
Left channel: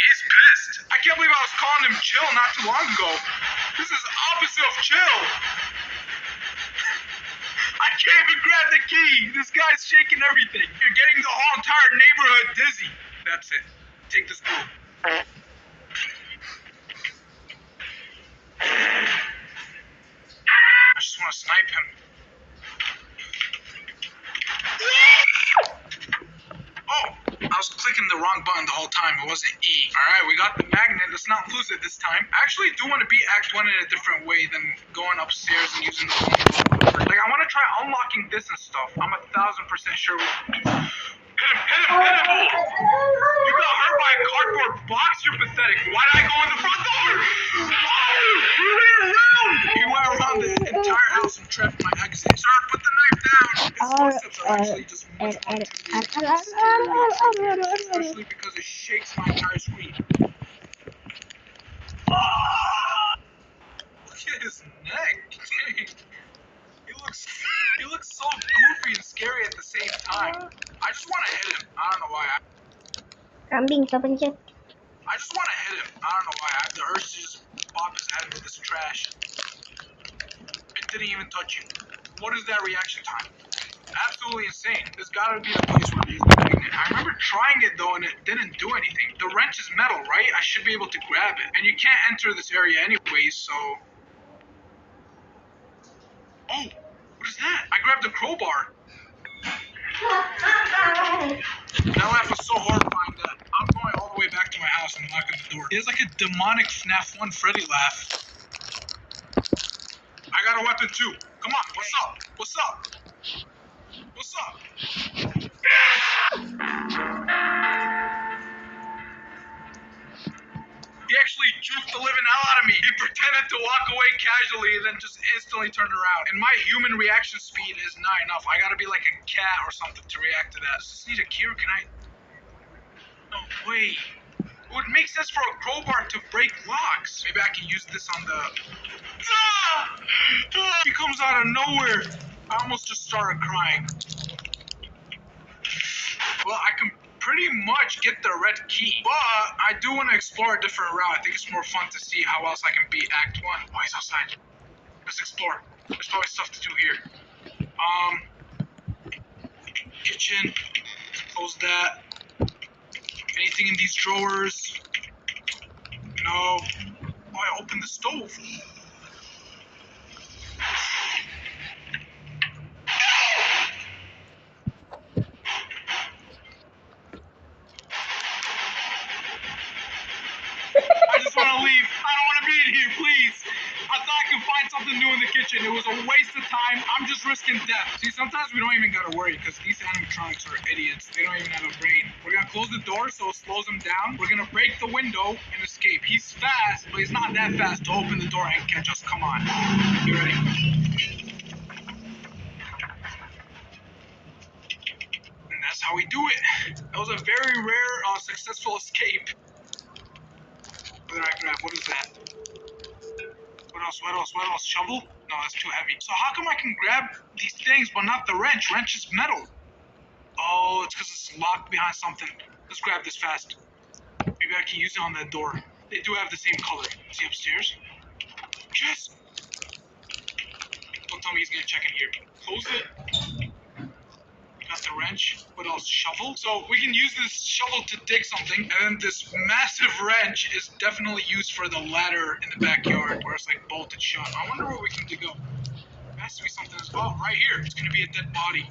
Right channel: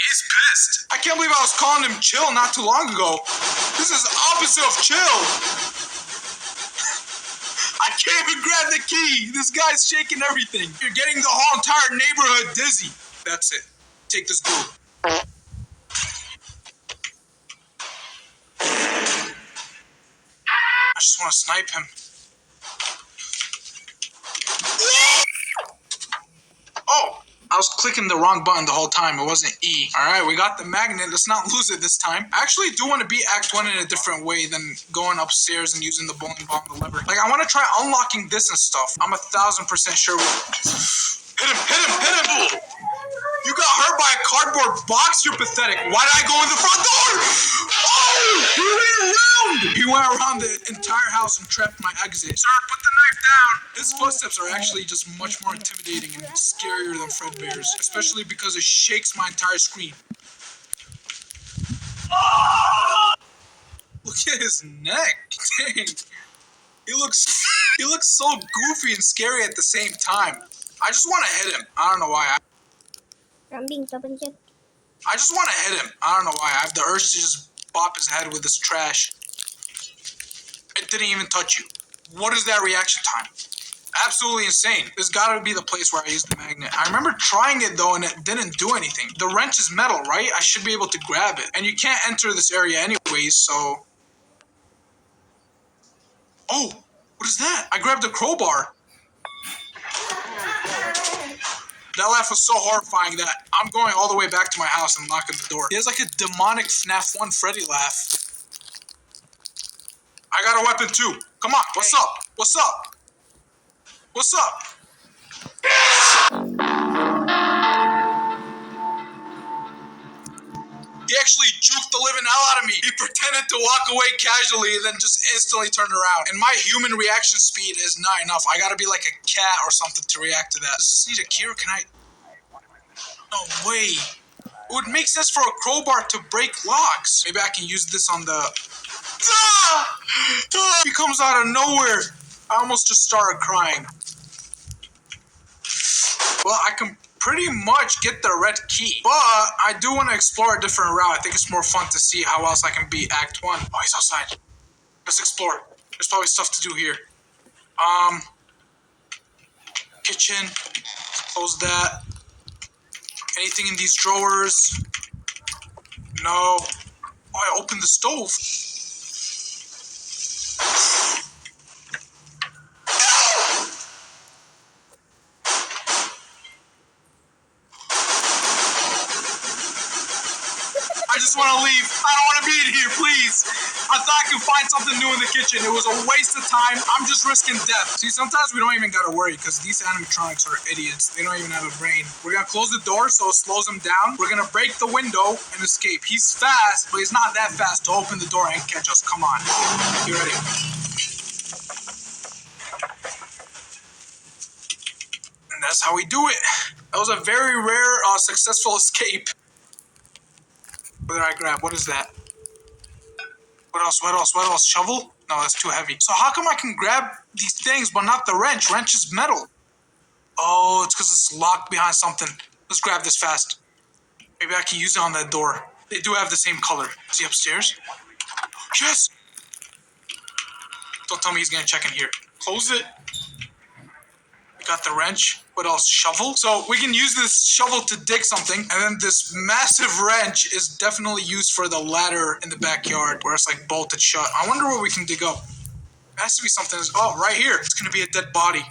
he's pissed. I can't believe I was calling him chill not too long ago. This is the opposite of chill. I can't even grab the key. This guy's shaking everything. You're getting the whole entire neighborhood dizzy. That's it. Take this glue. I just want to snipe him. Oh, I was clicking the wrong button the whole time. It wasn't E. All right, we got the magnet. Let's not lose it this time. I actually do want to beat Act 1 in a different way than going upstairs and using the bowling ball. Like, I want to try unlocking this and stuff. I'm 1,000% sure. Hit him, hit him, hit him! You got hurt by a cardboard box? You're pathetic. Why did I go in the front door? Oh! He went around! He went around the entire house and trapped my exit. Sir, put the knife footsteps are actually just much more intimidating and scary than Fredbear's, especially because it shakes my entire screen. Look at his neck. Dang. He looks so goofy and scary at the same time. I just want to hit him. I don't know why. Kambing, kepencet. I just want to hit him. I don't know why. I have the urge to just bop his head with this trash. It didn't even touch you. What is that reaction time? Absolutely insane. This gotta be the place where I used the magnet. I remember trying it though and it didn't do anything. The wrench is metal, right? I should be able to grab it. And you can't enter this area anyways, so... Oh, what is that? I grabbed a crowbar. That laugh was so horrifying that I'm going all the way back to my house and locking the door. He has like a demonic FNAF 1 Freddy laugh. I got a weapon too. Come on, what's up? What's up? What's up? He actually juked the living hell out of me. He pretended to walk away casually and then just instantly turned around. And my human reaction speed is not enough. I gotta be like a cat or something to react to that. Does this need a key or can I... No way. It would make sense for a crowbar to break locks. Maybe I can use this on the... Ah! Ah! He comes out of nowhere. I almost just started crying. Well, I can pretty much get the red key, but I do want to explore a different route. I think it's more fun to see how else I can beat Act 1. Oh, he's outside. Let's explore. There's probably stuff to do here. Kitchen. Close that. Anything in these drawers? No. Oh, I opened the stove. I just want to leave. I don't want to be in here, please. I thought I could find something new in the kitchen. It was a waste of time. I'm just risking death. See, sometimes we don't even got to worry because these animatronics are idiots. They don't even have a brain. We're going to close the door so it slows him down. We're going to break the window and escape. He's fast, but he's not that fast to open the door and catch us. Come on. You ready? And that's how we do it. That was a very rare, successful escape. What did I grab? What is that? What else? What else? What else? Shovel? No, that's too heavy. So how come I can grab these things but not the wrench? Wrench is metal. Oh, it's because it's locked behind something. Let's grab this fast. Maybe I can use it on the door. They do have the same color. Is he upstairs? Yes! Don't tell me he's gonna check in here. Close it. Got the wrench. What else? Shovel. So we can use this shovel to dig something, and then this massive wrench is definitely used for the ladder in the backyard where it's like bolted shut. I wonder what we can dig up. It has to be something. Oh, right here. It's gonna be a dead body.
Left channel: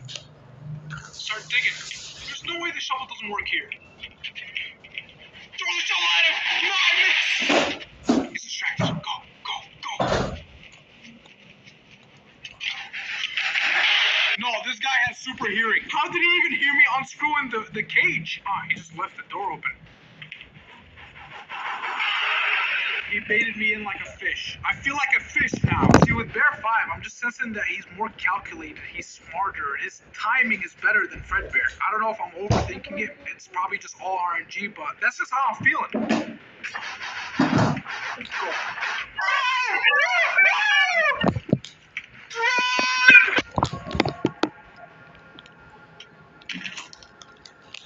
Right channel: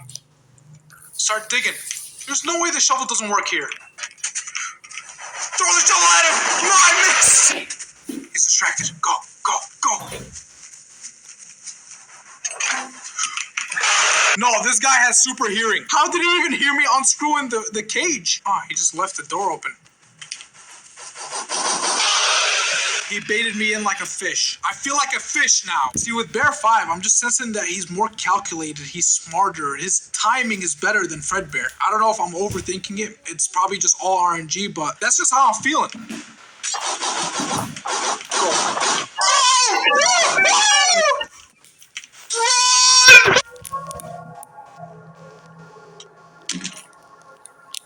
Start digging. There's no way the shovel doesn't work here. Throw the shovel at him! No, I missed! He's distracted. Go, go, go. No, this guy has super hearing. How did he even hear me unscrewing the cage? Oh, he just left the door open. He baited me in like a fish. I feel like a fish now. See, with Bear 5, I'm just sensing that he's more calculated. He's smarter. His timing is better than Fredbear. I don't know if I'm overthinking it. It's probably just all RNG, but that's just how I'm feeling.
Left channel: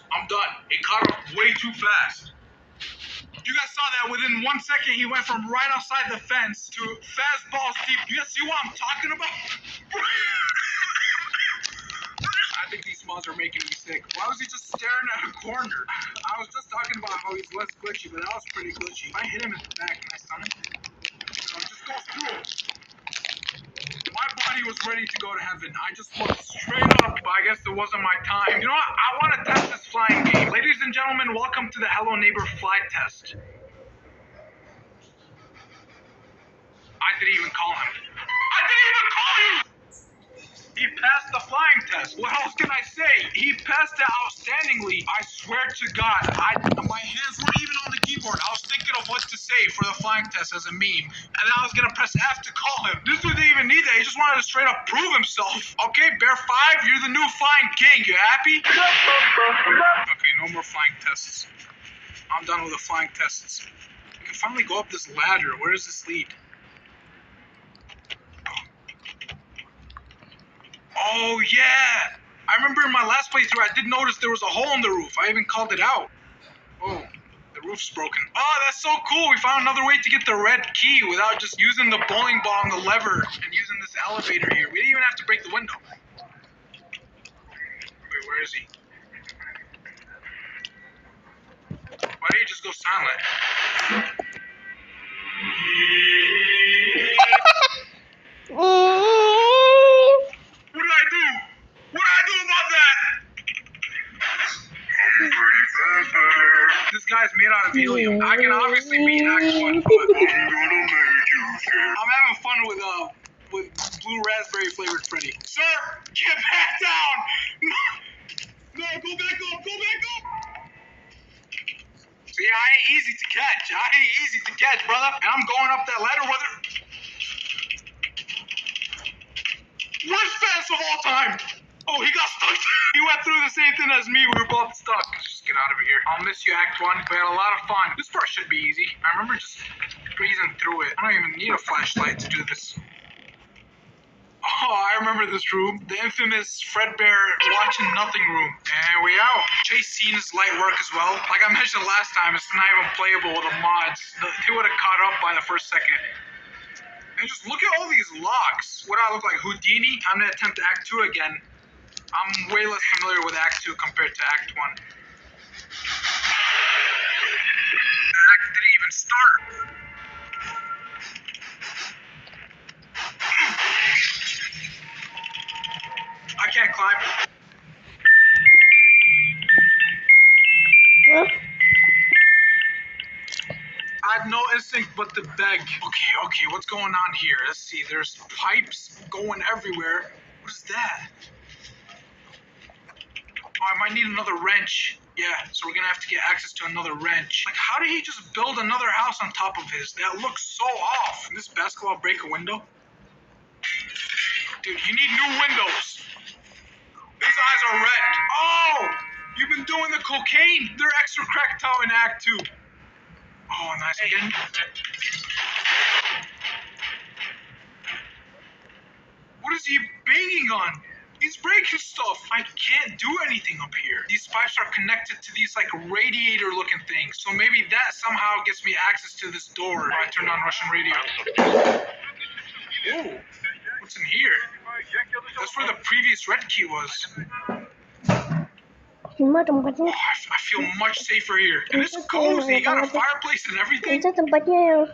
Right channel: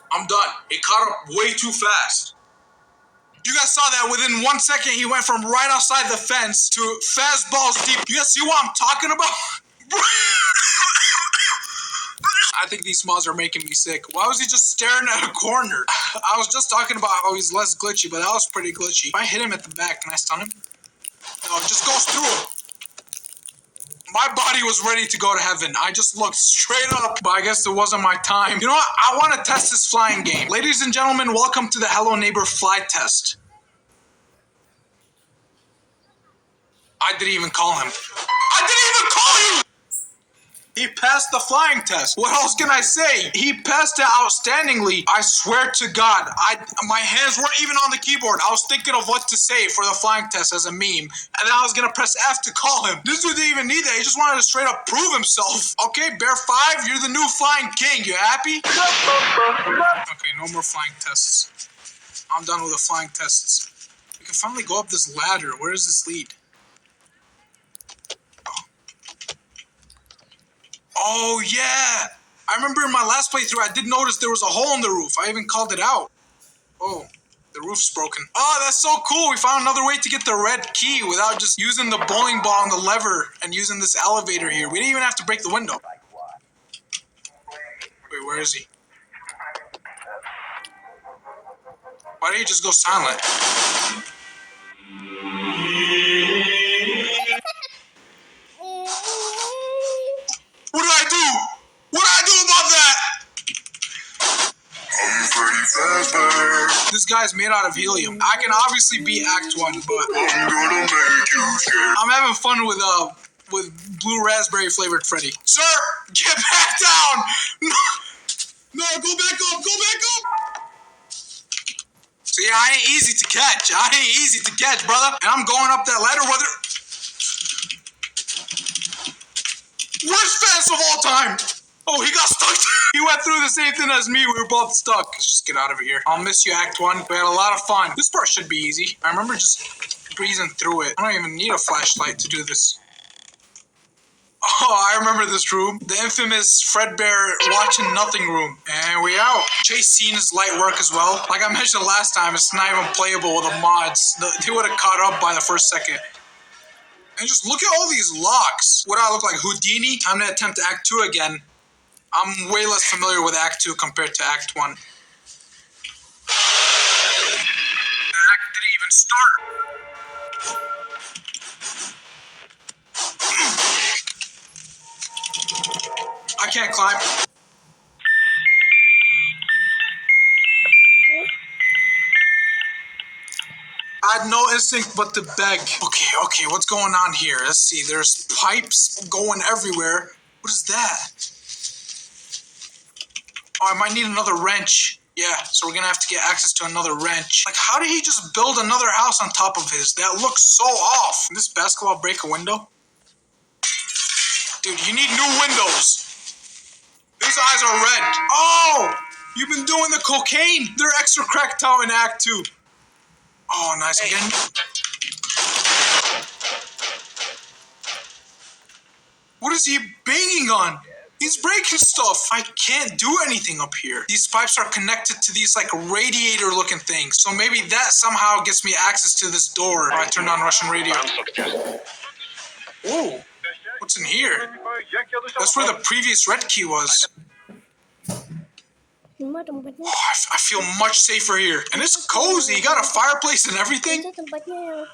I'm done. He caught up way too fast. You guys saw that within 1 second, he went from right outside the fence to fastballs deep. You guys see what I'm talking about? I think these mods are making me sick. Why was he just staring at a corner? I was just talking about how he's less glitchy, but that was pretty glitchy. If I hit him at the back, can I stun him? No, it just goes through him. My body was ready to go to heaven. I just looked straight up, but I guess it wasn't my time. You know what? I want to test this flying game. Ladies and gentlemen, welcome to the Hello Neighbor fly test. I didn't even call him. I didn't even call you! He passed the flying test. What else can I say? He passed it outstandingly. I swear to God, my hands weren't even on the keyboard. I was thinking of what to say for the flying test as a meme, and then I was gonna press F to call him. This dude didn't even need that. He just wanted to straight up prove himself. Okay, Bear 5, you're the new flying king. You happy? Okay, no more flying tests. I'm done with the flying tests. We can finally go up this ladder. Where does this lead? Oh, yeah. I remember in my last playthrough, I did notice there was a hole in the roof. I even called it out. Oh, the roof's broken. Oh, that's so cool. We found another way to get the red key without just using the bowling ball and the lever and using this elevator here. We didn't even have to break the window. Wait, where is he? Why did he just go silent? What did I do? What did I do about that? This guy's made out of helium. I can obviously beat Act 1, but I'm having fun with blue raspberry flavored Freddy. Sir, get back down! No, go back up, go back up! See, I ain't easy to catch. Brother. And I'm going up that ladder, whether... Worst fence of all time! Oh, he got stuck. He went through the same thing as me. We were both stuck. Let's just get out of here. I'll miss you, Act 1. We had a lot of fun. This part should be easy. I remember just breezing through it. I don't even need a flashlight to do this. Oh, I remember this room. The infamous Fredbear watching nothing room. And we out. Chase scene is light work as well. Like I mentioned last time, it's not even playable with the mods. They would have caught up by the first second. And just look at all these locks. What do I look like, Houdini? Time to attempt Act 2 again. I'm way less familiar with Act 2 compared to Act 1. The act didn't even start. I can't climb. I had no instinct but to beg. Okay, what's going on here? Let's see, there's pipes going everywhere. What is that? Oh, I might need another wrench. Yeah, so we're gonna have to get access to another wrench. Like, how did he just build another house on top of his? That looks so off. Can this basketball break a window? Dude, you need new windows. These eyes are red. Oh, you've been doing the cocaine. They're extra cracked out in Act 2. Oh, nice again. What is he banging on? He's breaking stuff. I can't do anything up here. These pipes are connected to these like radiator looking things. So maybe that somehow gets me access to this door. Oh, I turned on Russian radio. Oh, what's in here? That's where the previous red key was. Cuma tempatnya. Oh, I feel much safer here. And it's cozy. You got a fireplace and everything. Itu tempatnya yang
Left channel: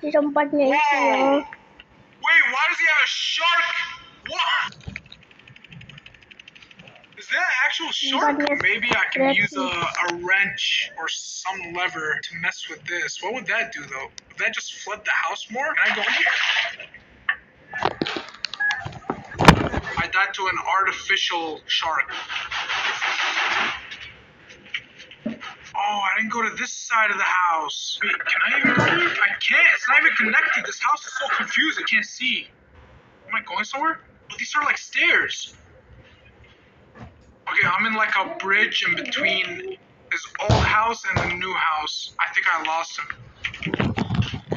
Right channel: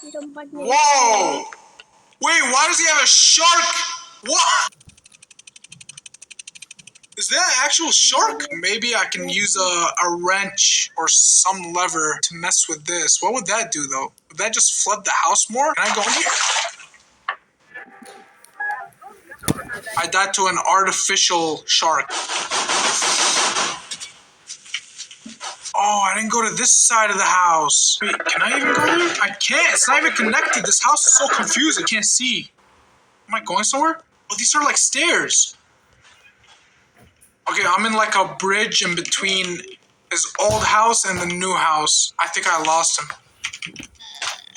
di tempatnya itu. Whoa! Wait, why does he have a shark? What? Is that an actual shark? Maybe I can use a wrench or some lever to mess with this. What would that do, though? Would that just flood the house more? Can I go in here? I died to an artificial shark. Oh, I didn't go to this side of the house. Wait, can I even go there? I can't. It's not even connected. This house is so confused. I can't see. Am I going somewhere? Oh, these are like stairs. Okay, I'm in like a bridge in between his old house and the new house. I think I lost him.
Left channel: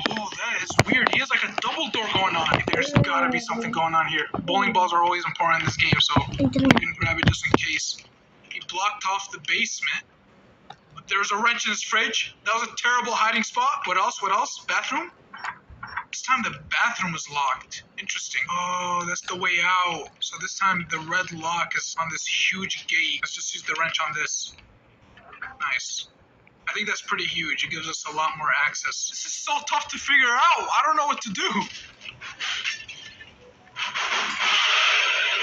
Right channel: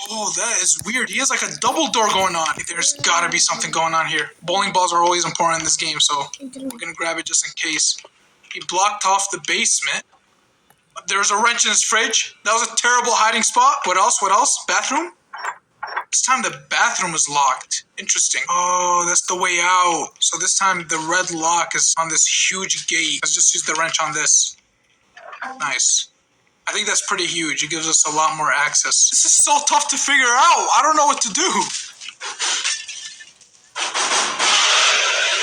Oh, that is weird. He has like a double door going on. There's gotta be something going on here. Bowling balls are always important in this game, so I'm gonna grab it just in case. He blocked off the basement. There's a wrench in his fridge. That was a terrible hiding spot. What else? Bathroom? This time the bathroom was locked. Interesting. Oh, that's the way out. So this time the red lock is on this huge gate. Let's just use the wrench on this. Nice. I think that's pretty huge. It gives us a lot more access. This is so tough to figure out. I don't know what to do.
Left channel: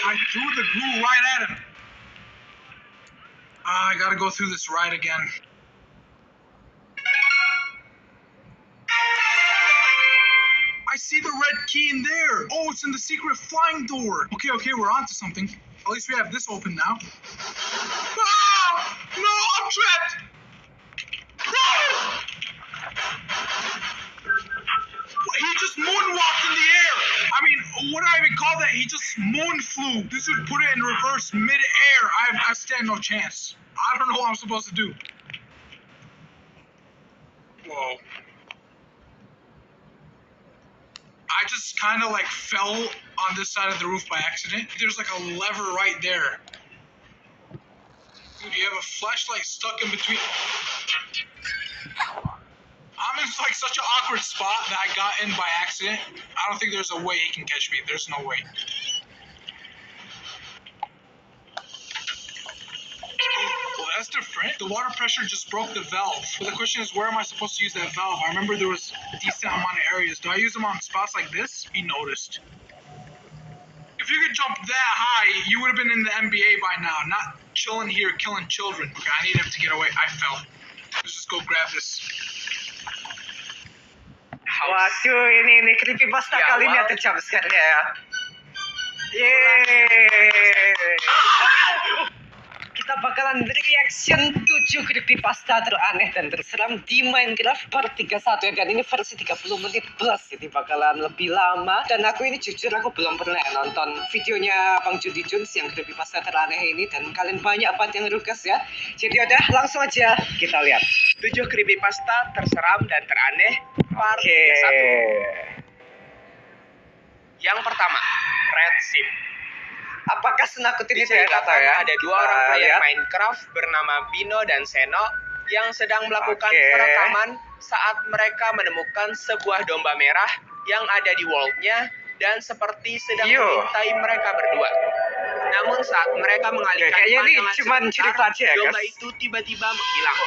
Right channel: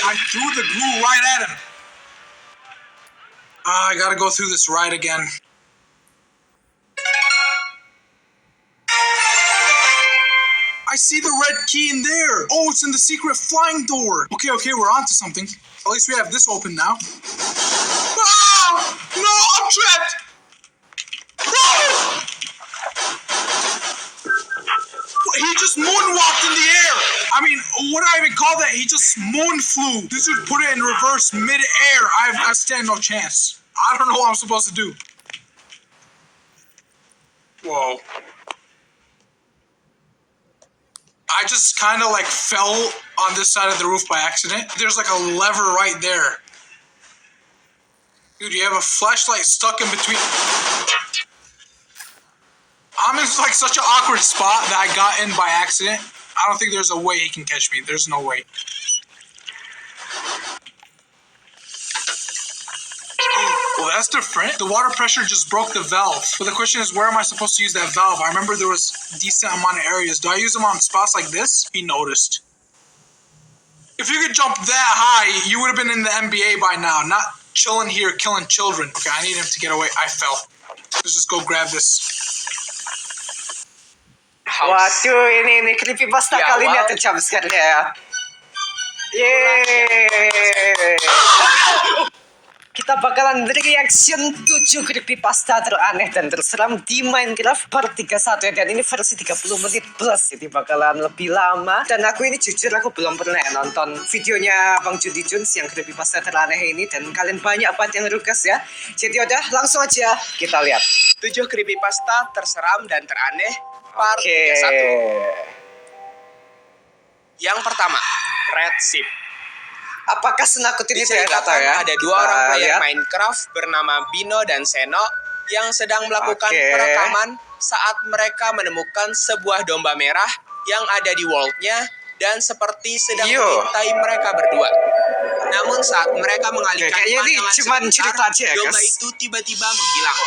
I threw the glue right at him. I gotta go through this ride again. I see the red key in there. Oh, it's in the secret flying door. Okay, we're on to something. At least we have this open now. Ah! No, I'm trapped. Ah! He just moonwalked in the air. I mean, what do I even call that? He just moon flew. This dude put it in reverse mid-air. I stand no chance. I don't know what I'm supposed to do. Whoa. I just kind of like fell on this side of the roof by accident. There's like a lever right there. Dude, you have a flashlight stuck in between. I'm in like such an awkward spot that I got in by accident. I don't think there's a way he can catch me. There's no way. Well, that's different. The water pressure just broke the valve. But the question is, where am I supposed to use that valve? I remember there was a decent amount of areas. Do I use them on spots like this? He noticed. If you could jump that high, you would have been in the NBA by now. Not chilling here, killing children. Okay, I need him to get away. I fell. Let's just go grab this. Waduh, ini creepypasta kali ini ada jumpscare ya. Yeay. Kita bakalan reaction 7 creepypasta teraneh dan terseram di Minecraft part 31 ya. Dan ini versi 30 menit plus, jadi bakalan lebih lama. Dan aku ini jujur aku belum pernah nonton videonya Bang Jundi Jones yang creepypasta teraneh ini. Dan kalian banyak banget yang request ya. Jadi udah langsung aja kita lihat 7 creepypasta terseram dan teraneh part 31. Yang pertama, Red Ship. Apakah senakut ini saya nggak tahu Diceritakan ya. ada dua orang player Minecraft bernama Bino dan Seno yang sedang melakukan perekaman saat mereka menemukan sebuah domba merah yang ada di world-nya dan seperti sedang mengintai mereka berdua. Namun saat mereka mengalihkan pandangan sebentar, domba itu tiba-tiba menghilang.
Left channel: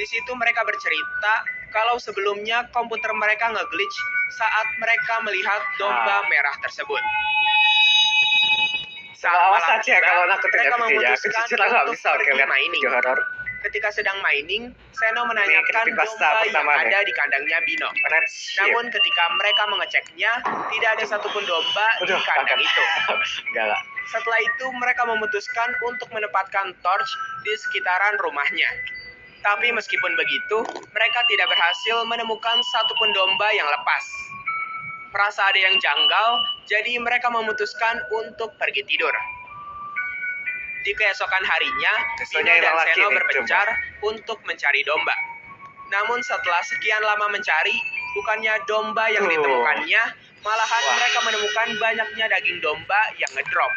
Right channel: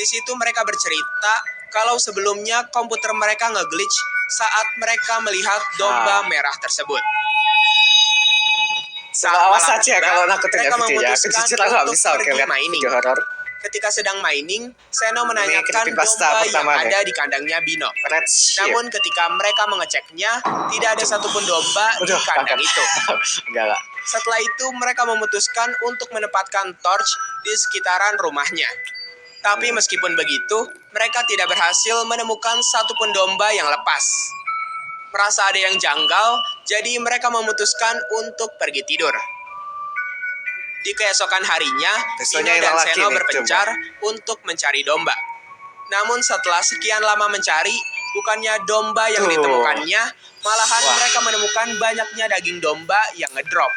Di situ mereka bercerita kalau sebelumnya komputer mereka nge-glitch saat mereka melihat domba merah tersebut. Awas saja kalau nakutin ya videonya. Aku jujur nggak bisa lihat video horor. Ketika sedang mining, Seno menanyakan domba yang ada di kandangnya Bino. Namun ketika mereka mengeceknya, tidak ada satupun domba di kandang itu. Setelah itu mereka memutuskan untuk menempatkan torch di sekitaran rumahnya. Tapi meskipun begitu, mereka tidak berhasil menemukan satupun domba yang lepas. Merasa ada yang janggal, jadi mereka memutuskan untuk pergi tidur. Di keesokan harinya, Bino dan Seno berpencar untuk mencari domba. Namun setelah sekian lama mencari, bukannya domba yang ditemukannya, malahan mereka menemukan banyaknya daging domba yang ngedrop.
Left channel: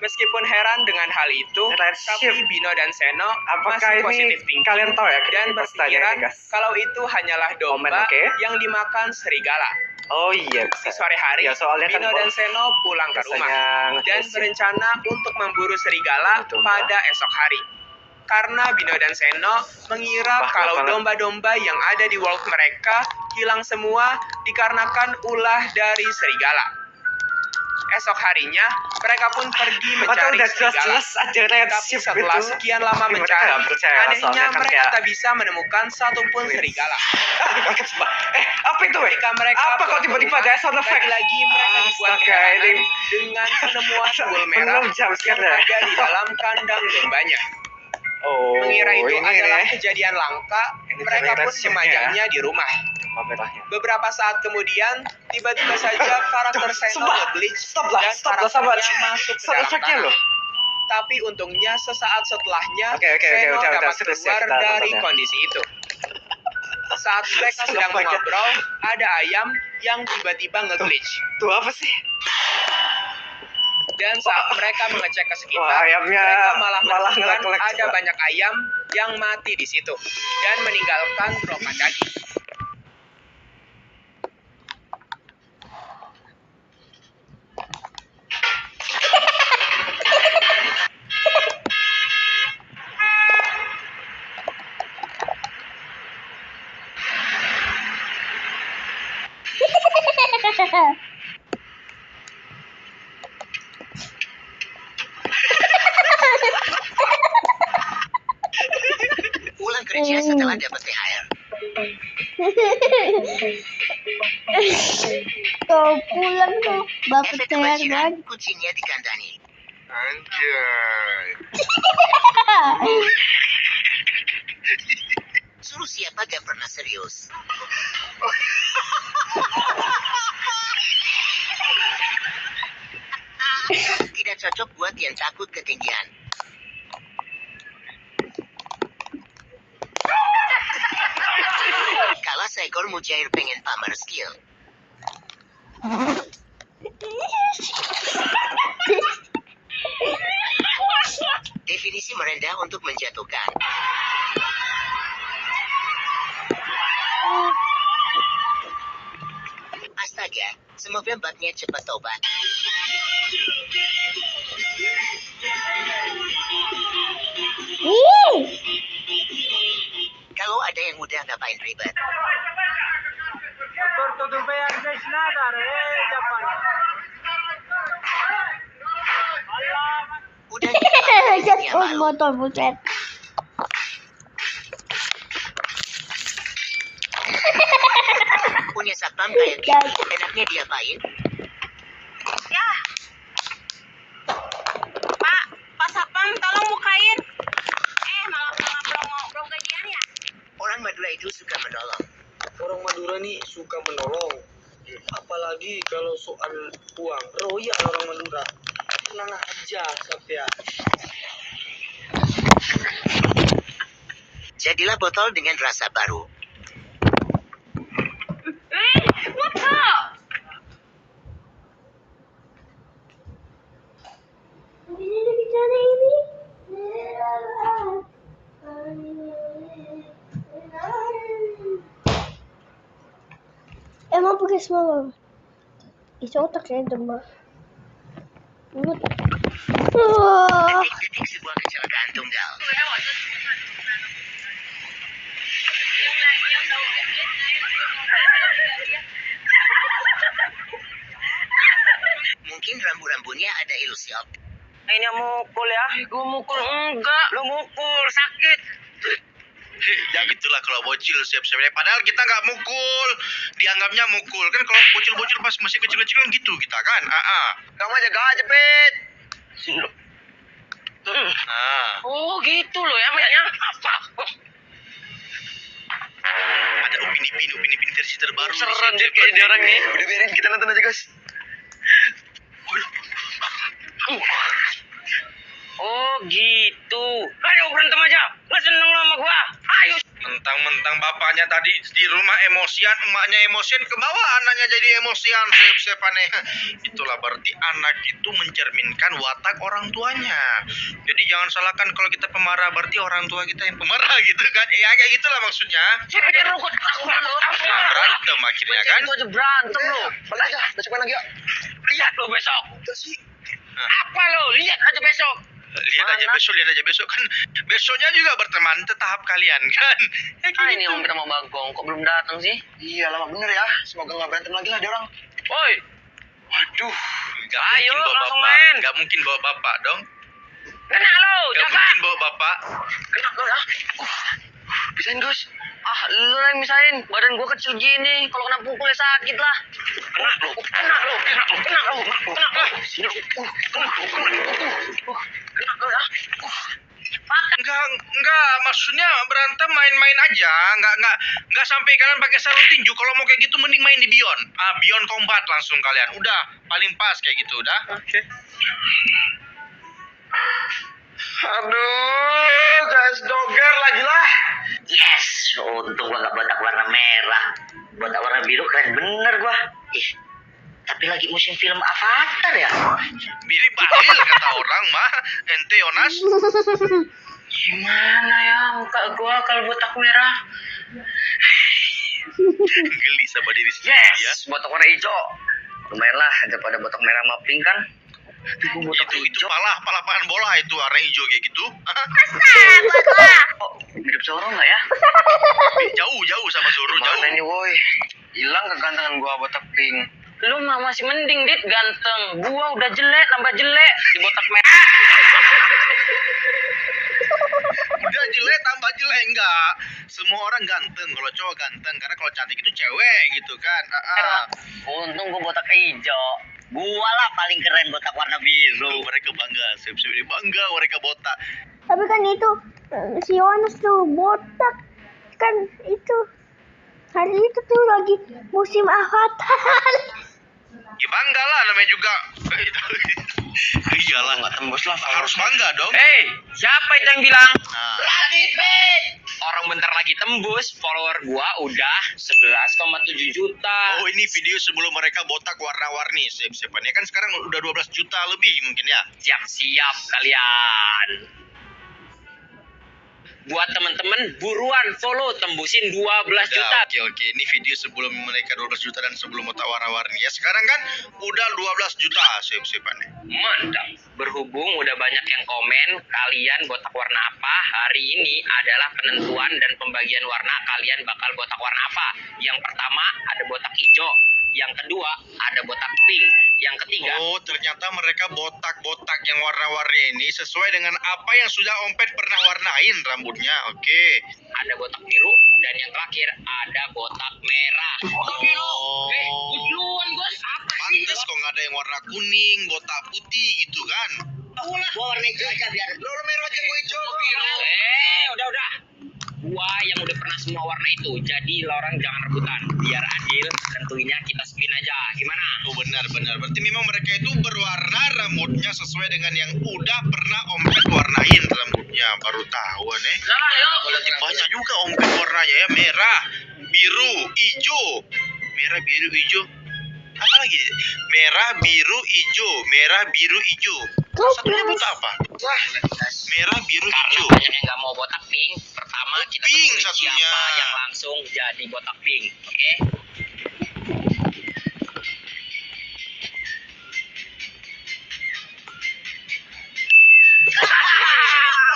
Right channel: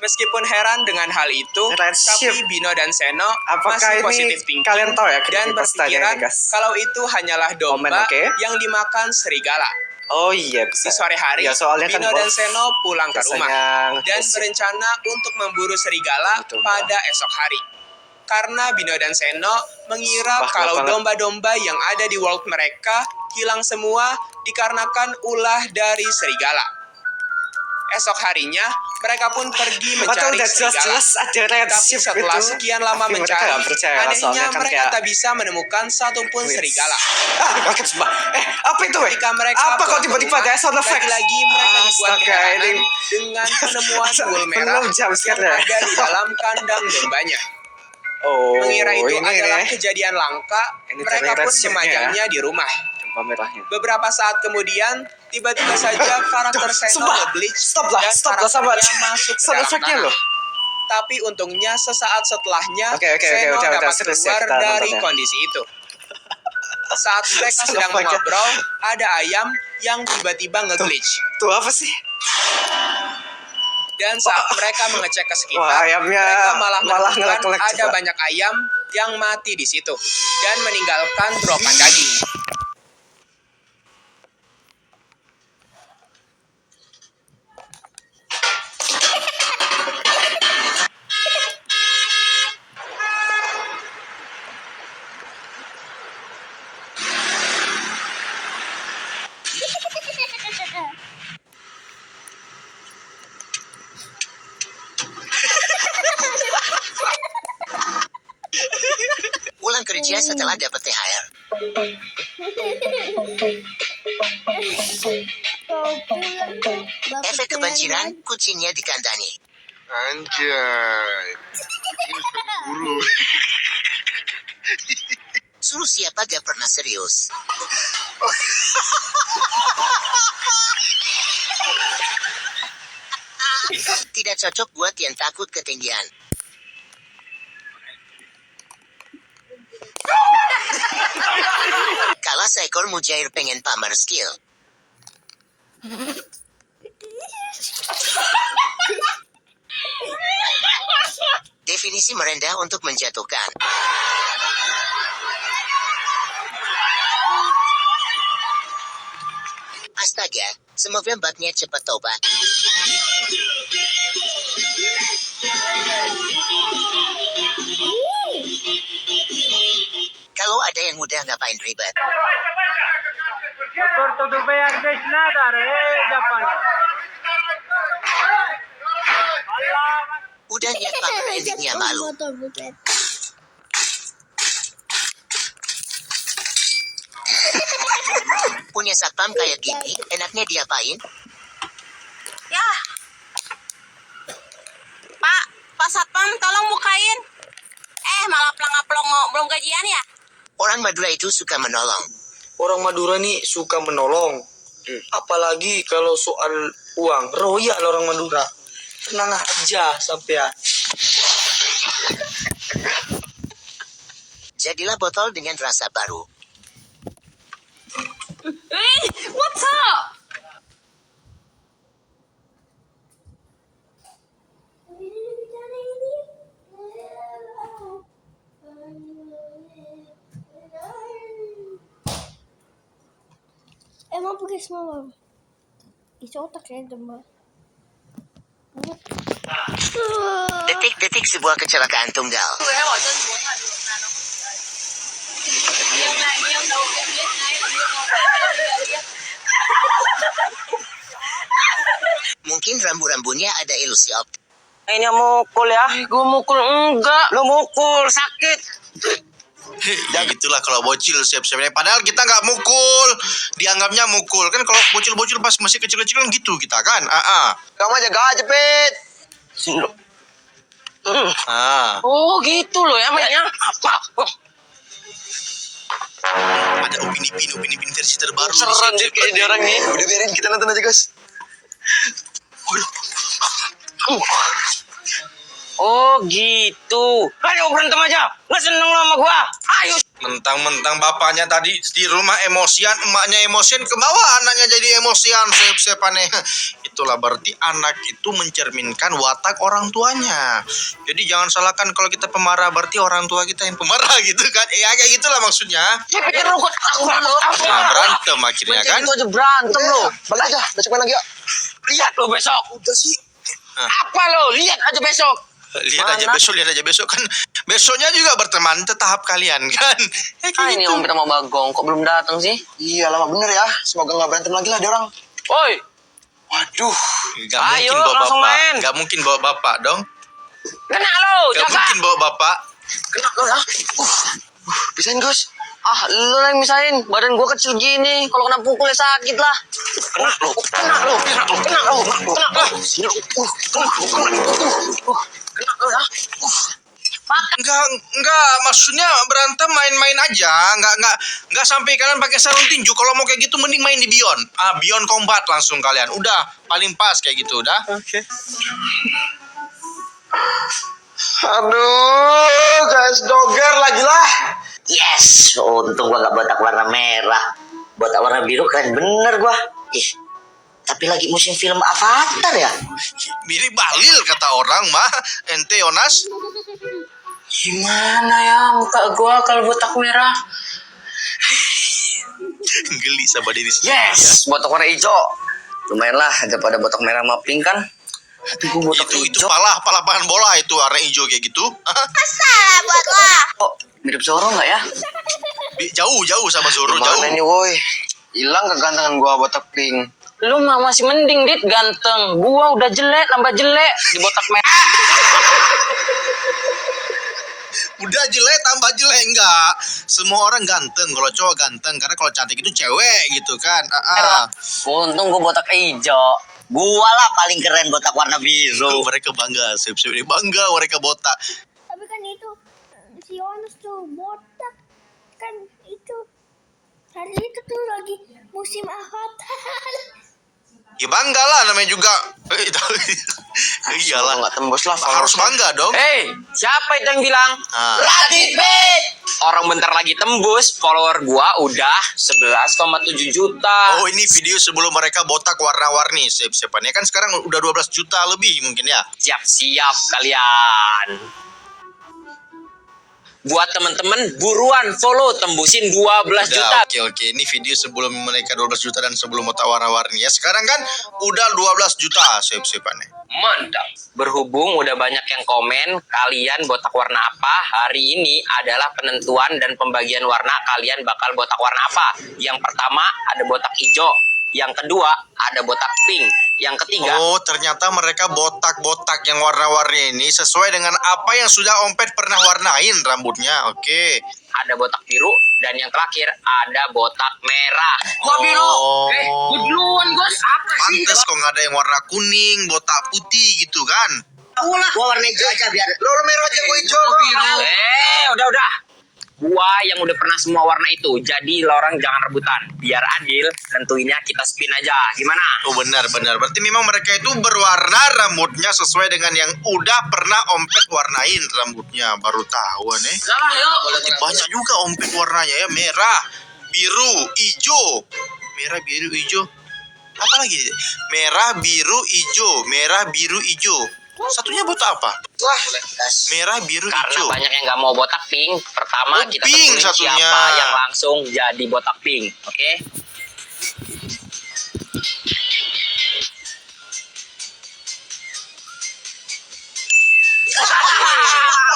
Meskipun heran dengan hal itu, tapi Bino dan Seno masih positif thinking dan berpikiran kalau itu hanyalah domba yang dimakan serigala. Oh iya, di sore hari, Bino dan Seno pulang ke rumah dan berencana untuk memburu serigala pada esok hari. Karena Bino dan Seno mengira kalau domba-domba yang ada di world mereka hilang semua dikarenakan ulah dari serigala. Esok harinya, mereka pun pergi mencari serigala. Tapi setelah sekian lama mencari, anehnya mereka tak bisa menemukan satupun serigala. Apa itu? Ketika mereka apa kok tiba-tiba ada sound effect? Lagi mereka dibuat keheranan dengan penemuan bul merah yang ada di dalam kandang dombanya. Mengira itu adalah kejadian langka, mereka pun memajangnya di rumah. Beberapa saat kemudian, tiba-tiba saja karakter Seno nge-glitch dan karakternya masuk ke dalam tanah. Tapi untungnya sesaat setelahnya, Seno dapat keluar dari kondisi itu. Saat mereka sedang ngobrol, ada ayam yang tiba-tiba nge-glitch. Itu apa sih? Dan saat mereka mengecek ke sekitar, mereka malah menemukan ada banyak ayam yang mati di situ dan meninggalkan dropan daging. Pulang kerja setelah dapat THR. Kau pulang tuh. Bapak Efek kebanjiran, kucingnya dikandangi. Anjay. Suruh siapa gak pernah serius. Tidak cocok buat yang takut ketinggian. Kalau seekor mujair pengen pamer skill. Definisi merendah untuk menjatuhkan. Astaga, semoga batnya cepat tobat. Kalau ada yang mudah ngapain ribet? Udah ya malu. Motor buset. Punya satpam kayak gini, enaknya diapain? Ya. Pak Satpam, tolong bukain. Malah pelongo, belum gajian ya? Orang Madura itu suka menolong. Orang Madura nih suka menolong. Apalagi kalau soal uang, royal orang Madura. Tenang aja sampean. Jadilah botol dengan rasa baru. What's up? Emang pakai semua. Itu otak saya demam. Detik-detik sebuah kecelakaan tunggal. Mungkin rambu-rambunya ada ilusi optik. Ini mukul ya? Gue mukul enggak. Lu mukul sakit. Ya gitulah kalau bocil siap-siapnya. Padahal kita nggak mukul, dianggapnya mukul. Kan kalau bocil-bocil pas masih kecil-kecil kan gitu kita kan. Kamu jaga aja, Pit. Oh gitu loh ya mainnya. Apa? Ada opini versi terbaru. Seran deh kayak dia orang nih. Udah biarin kita nonton aja guys. Oh gitu. Ayo berantem aja. Nggak seneng lo sama gua. Ayo. Mentang-mentang bapaknya tadi di rumah emosian, emaknya emosian, ke bawah anaknya jadi emosian, sep-sepannya. Itulah berarti anak itu mencerminkan watak orang tuanya. Jadi jangan salahkan kalau kita pemarah, berarti orang tua kita yang pemarah gitu kan. Kayak gitulah maksudnya. Ya pikir lu kok aku berantem. Nah, berantem akhirnya kan. Itu aja berantem lo. Balik aja, besok main lagi yuk. Lihat lo besok. Udah sih. Apa lo? Lihat aja besok. Lihat aja besok kan. Besoknya juga berteman tahap kalian kan. Ini Om Pita sama Bagong kok belum datang sih? Iya lama bener ya. Semoga nggak berantem lagi lah dia orang. Woi. Waduh. Gak mungkin bawa bapak dong. Kena lo, Gak mungkin bawa bapak. Kena lo ya. Pisahin Gus. Lo yang misahin. Badan gua kecil gini. Kalau kena pukul ya sakit lah. Kena lo. Sini lo. Kena lo ya. Enggak, maksudnya berantem main-main aja, enggak sampai kalian pakai sarung tinju. Kalau mau kayak gitu mending main di Beyond. Beyond Combat langsung kalian. Udah, paling pas kayak gitu, udah. Oke. Aduh, guys, doger lagi lah. Yes, untung gua gak botak warna merah. Botak warna biru keren bener gua. Tapi lagi musim film Avatar ya? Mirip Balil kata orang mah. Ente Yonas. Gimana ya muka gua kalau botak merah? Geli sama diri sendiri ya. Yes, botak warna hijau. Lumayan lah daripada botak merah sama pink kan. Aduh, gua botak Itu hijau. pala lapangan bola itu warna hijau kayak gitu. Oh, mirip Zoro nggak ya? Jauh sama Zoro, jauh. Mana nih woi? Hilang kegantengan gua botak pink. Lu mah masih mending Dit ganteng. Gua udah jelek, tambah jelek di botak merah. Udah jelek tambah jelek enggak. Semua orang ganteng, kalau cowok ganteng. Karena kalau cantik itu cewek gitu kan. Untung gue botak hijau. Gua lah paling keren botak warna biru. Mereka bangga, sip-sip ini bangga mereka botak. Tapi kan itu si Yohanes tuh botak kan itu hari itu tuh lagi musim Avatar. Ya bangga lah namanya juga. Iyalah. Nggak tembus lah. Harus bangga dong. Siapa itu yang bilang? Radit Bet. Orang bentar lagi tembus, follower gua udah 11,7 juta. Oh ini video sebelum mereka botak warna-warni. Siap-siapannya kan sekarang udah 12 juta lebih mungkin ya. Siap-siap kalian. Buat temen-temen buruan follow tembusin 12 juta. Oke. Ini video sebelum mereka 12 juta dan sebelum botak warna-warni ya. Sekarang kan udah 12 juta siap-siapannya. Mantap. Berhubung udah banyak yang komen kalian botak warna apa, hari ini adalah penentuan dan pembagian warna kalian bakal botak warna apa. Yang pertama ada botak hijau, yang kedua ada botak pink, yang ketiga Oh ternyata mereka botak-botak yang warna-warni ini sesuai dengan apa yang sudah Ompet pernah warnain rambutnya. Oke. ada botak biru, dan yang terakhir ada botak merah. Gua biru. Gua duluan, Bos. Apa sih? Pantes kok nggak ada yang warna kuning, botak putih gitu kan. Gua warna hijau aja biar. Lo merah aja gua hijau. Udah. Gua yang udah pernah semua warna itu. Jadi lo orang jangan rebutan. Biar adil, tentuinnya kita spin aja. Gimana? Oh benar. Berarti memang mereka itu berwarna rambutnya sesuai dengan yang udah pernah Ompet warnain rambutnya. Baru tahu nih. Berarti banyak juga Ompet warnanya ya. Merah, biru, hijau. Merah, biru, hijau. Apa lagi? Merah, biru, hijau. Merah, biru, hijau. Satunya botak apa? Merah, biru, Karena hijau. banyak yang nggak mau botak pink. Pertama kita pink tentuin satunya. siapa yang langsung jadi botak pink. Oke?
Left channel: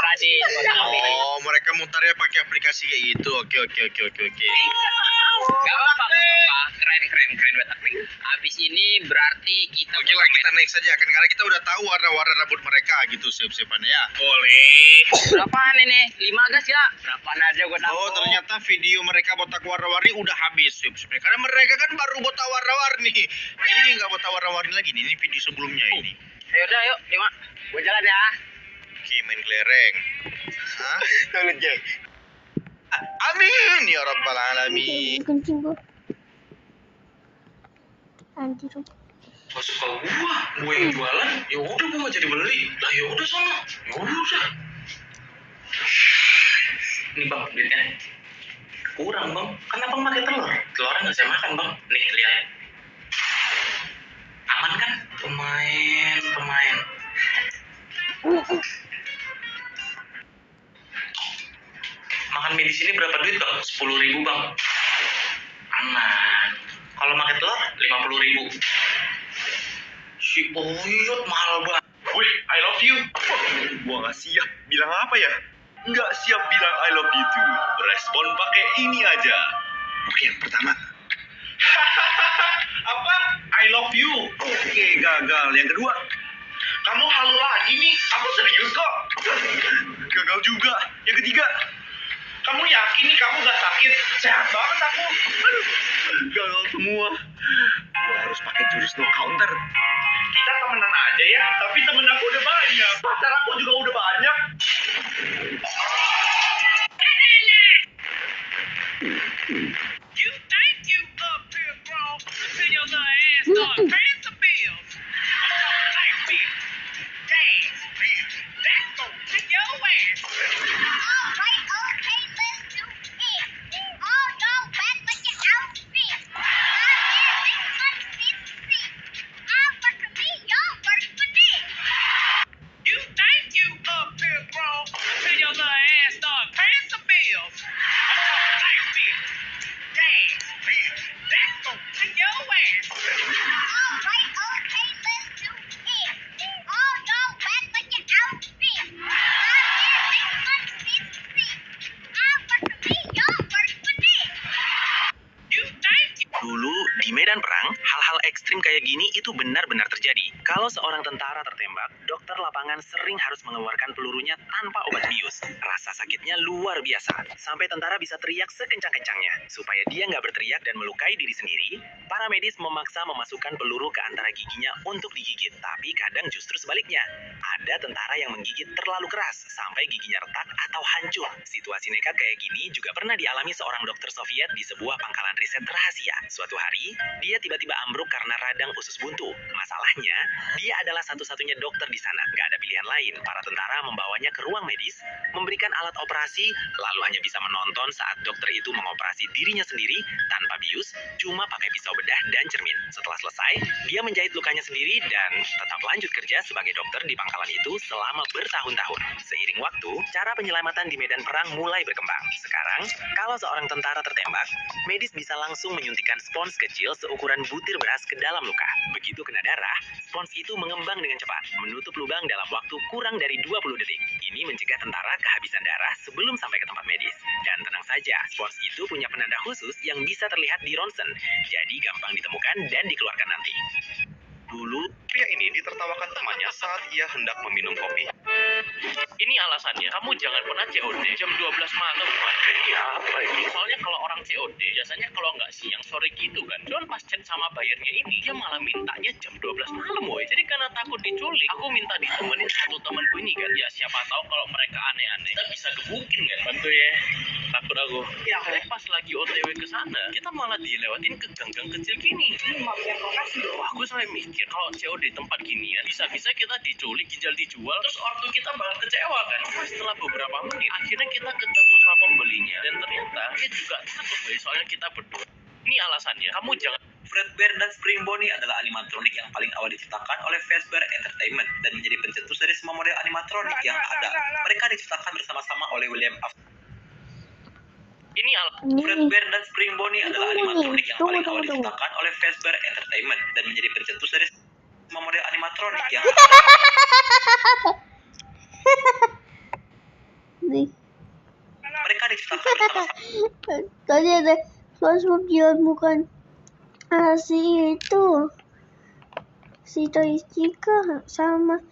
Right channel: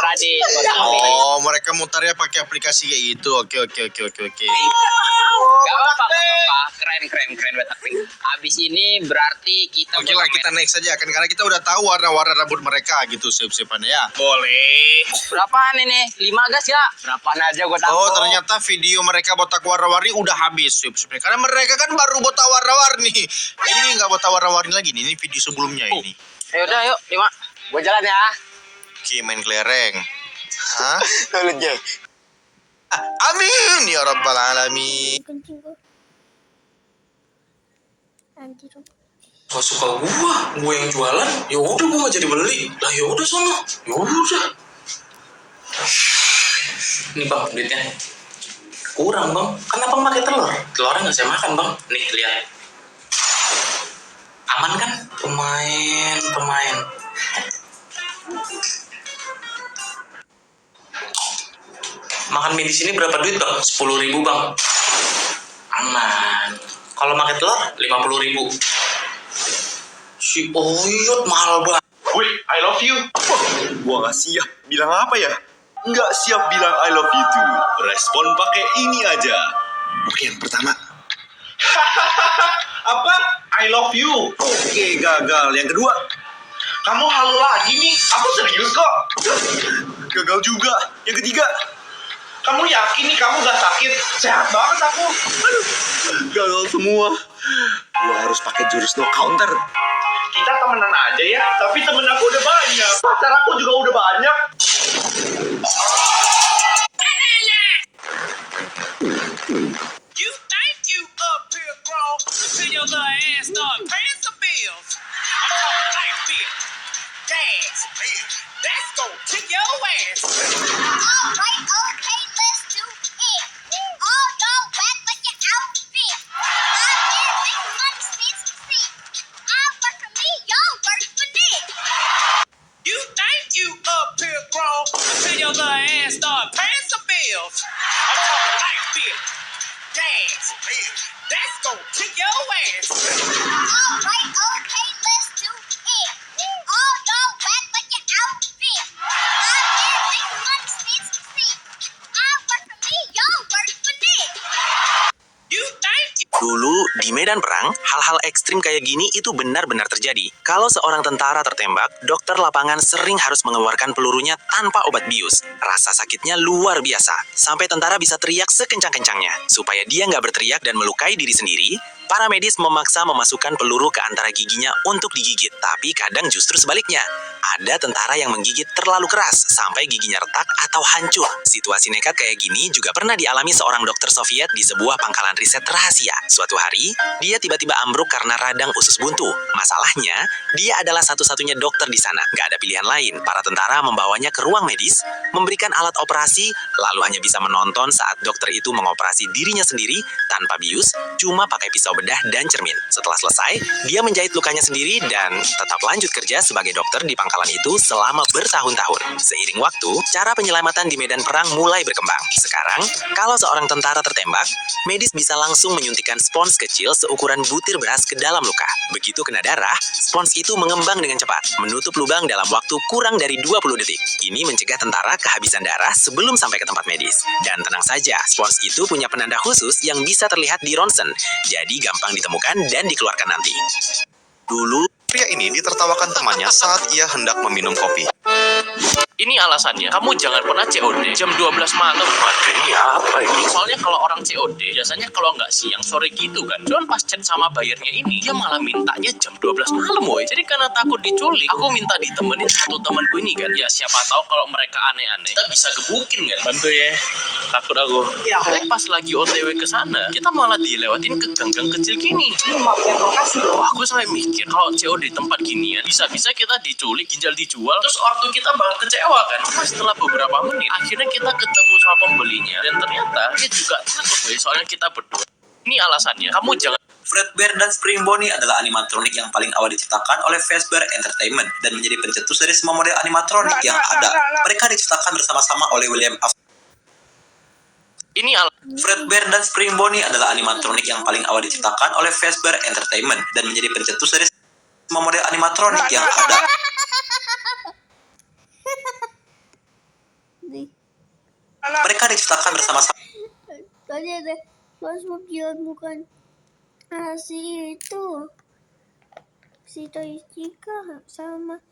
Radit. Oh, mereka mutarnya pakai aplikasi kayak gitu. Oke. Gak apa-apa. Keren botak pink. Abis ini berarti kita Oke lah, kita next aja kan karena kita udah tahu warna-warna rambut mereka gitu siap-siapannya ya. boleh. Berapaan ini? 5 gas ya? Berapaan aja gue tahu. Oh, ternyata video mereka botak warna-warni udah habis siap-siapnya. Karena mereka kan baru botak warna-warni. Ini nggak botak warna-warni lagi nih. Ini video sebelumnya ini. Yaudah, yuk. 5. Gue jalan ya. Oke, main kelereng. Hah? Lanjut. Amin ya rabbal alamin. Kencing gua. Anjir. Gak suka gue yang jualan, ya udah gue gak jadi beli. Lah ya udah sono, ya udah. Ini bang duitnya. Kurang bang, kan abang pakai telur. Telurnya nggak saya makan bang. Nih lihat. Aman kan? Pemain. Makan mie di sini berapa duit bang? 10.000 bang. Aman. Kalau makan telur 50.000. Si Oyot mahal banget. Wih, I love you. Gua nggak siap bilang apa ya? Nggak siap bilang I love you too. Respon pakai ini aja. Oke, yang pertama. Apa? I love you. Oke, gagal. Yang kedua. Kamu halu lagi nih. Aku serius kok. Gagal juga. Yang ketiga. Kamu yakin nih kamu gak sakit? Sehat banget aku. Gagal semua. Gua harus pakai jurus no counter. Kita temenan aja ya, tapi temen aku udah banyak. Pacar aku juga udah banyak. You think you up here, bro? Till your little ass start paying some bills. I'm talking like this. Gas, bitch. That's gonna kick your ass. Alright, okay, let's do it. All don't wet like your outfit. I've been making money since the I work for me, y'all work for me. You think you up here, bro? Till your little ass start paying some bills. I'm talking like this. Gas, bitch. That's gonna kick your ass. Alright, okay, let's do it. All don't wet like your outfit. I've been making money since the I work for me, y'all work for me. You think you Dulu di Di medan perang, hal-hal ekstrim kayak gini itu benar-benar terjadi. Kalau seorang tentara tertembak, dokter lapangan sering harus mengeluarkan pelurunya tanpa obat bius. Rasa sakitnya luar biasa, sampai tentara bisa teriak sekencang-kencangnya. Supaya dia nggak berteriak dan melukai diri sendiri, para medis memaksa memasukkan peluru ke antara giginya untuk digigit. Tapi kadang justru sebaliknya. Ada tentara yang menggigit terlalu keras sampai giginya retak atau hancur. Situasi nekat kayak gini juga pernah dialami seorang dokter Soviet di sebuah pangkalan riset rahasia. Suatu hari, dia tiba-tiba ambruk karena radang usus buntu. Masalahnya, dia adalah satu-satunya dokter di sana. Gak ada pilihan lain. Para tentara membawanya ke ruang medis, memberikan alat operasi, lalu hanya bisa menonton saat dokter itu mengoperasi dirinya sendiri tanpa bius, cuma pakai pisau bedah dan cermin. Setelah selesai, dia menjahit lukanya sendiri dan tetap lanjut kerja sebagai dokter di pangkalan itu selama bertahun-tahun. Seiring waktu, cara penyelamatan di medan perang mulai berkembang. Sekarang, kalau seorang tentara tertembak, medis bisa langsung menyuntikkan spons kecil seukuran butir beras ke dalam luka. Begitu kena darah, spons itu mengembang dengan cepat, menutup lubang dalam waktu kurang dari 20 detik. Ini mencegah tentara kehabisan darah sebelum sampai ke tempat medis. Dan tenang saja, spons itu punya penanda khusus yang bisa terlihat di ronsen, jadi gampang ditemukan dan dikeluarkan nanti. Dulu, pria ini ditertawakan temannya saat ia hendak meminum kopi. Ini alasannya, kamu jangan pernah COD jam 12 malam. Waduh, ini apa ini? Soalnya kalau orang COD, biasanya kalau nggak siang, sore gitu kan. Cuman pas chat sama bayarnya ini, dia malah mintanya jam 12 malam, woy. Jadi karena takut diculik, aku minta ditemenin satu temanku ini kan. Ya siapa tahu kalau mereka aneh-aneh, kita bisa gebukin kan. Bantu ya, takut aku. Ya, tapi pas lagi OTW ke sana, kita malah dilewatin ke gang-gang kecil gini. Wah, aku sampai mikir, kalau COD di tempat ginian, bisa-bisa kita diculik, ginjal dijual, terus ortu kita bakal kecewa kan. Cuma setelah beberapa menit, akhirnya kita ketemu sama pembelinya, dan ternyata dia juga takut, woy, soalnya kita berdua. Ini alasannya, kamu jangan. Fredbear dan Spring Bonnie adalah animatronik yang paling awal diciptakan oleh Fazbear Entertainment dan menjadi pencetus dari semua model animatronik yang ada. Mereka diciptakan bersama-sama oleh William Afton. Fredbear dan Spring Bonnie adalah animatronik yang paling awal diciptakan oleh Fazbear Entertainment dan menjadi pencetus dari semua model animatronik yang ada. Mereka diciptakan bersama-sama. Tadi ada SpongeBob dia bukan si itu, si Toy Chica sama